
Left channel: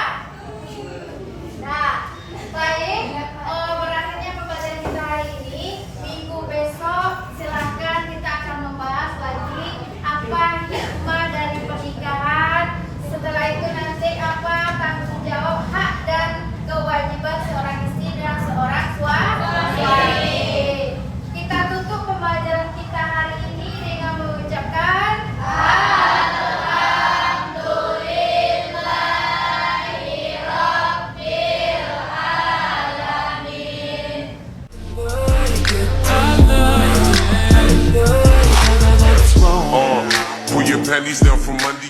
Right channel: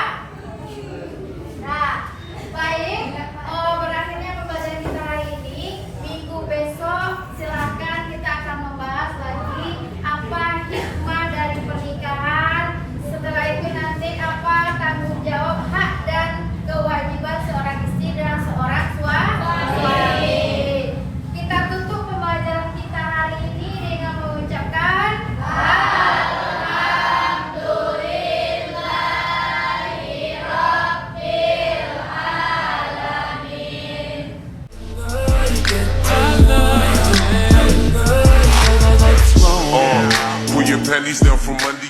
Nah, baik. Berakhirnya pembelajaran kita hari ini. Minggu besok silakan kita akan membahas lagi apa hikmah dari pernikahan. Setelah itu nanti apa tanggung jawab, hak dan kewajiban seorang istri dan seorang suami. Kita tutup pembelajaran kita hari ini dengan mengucapkan Pull your panties down from under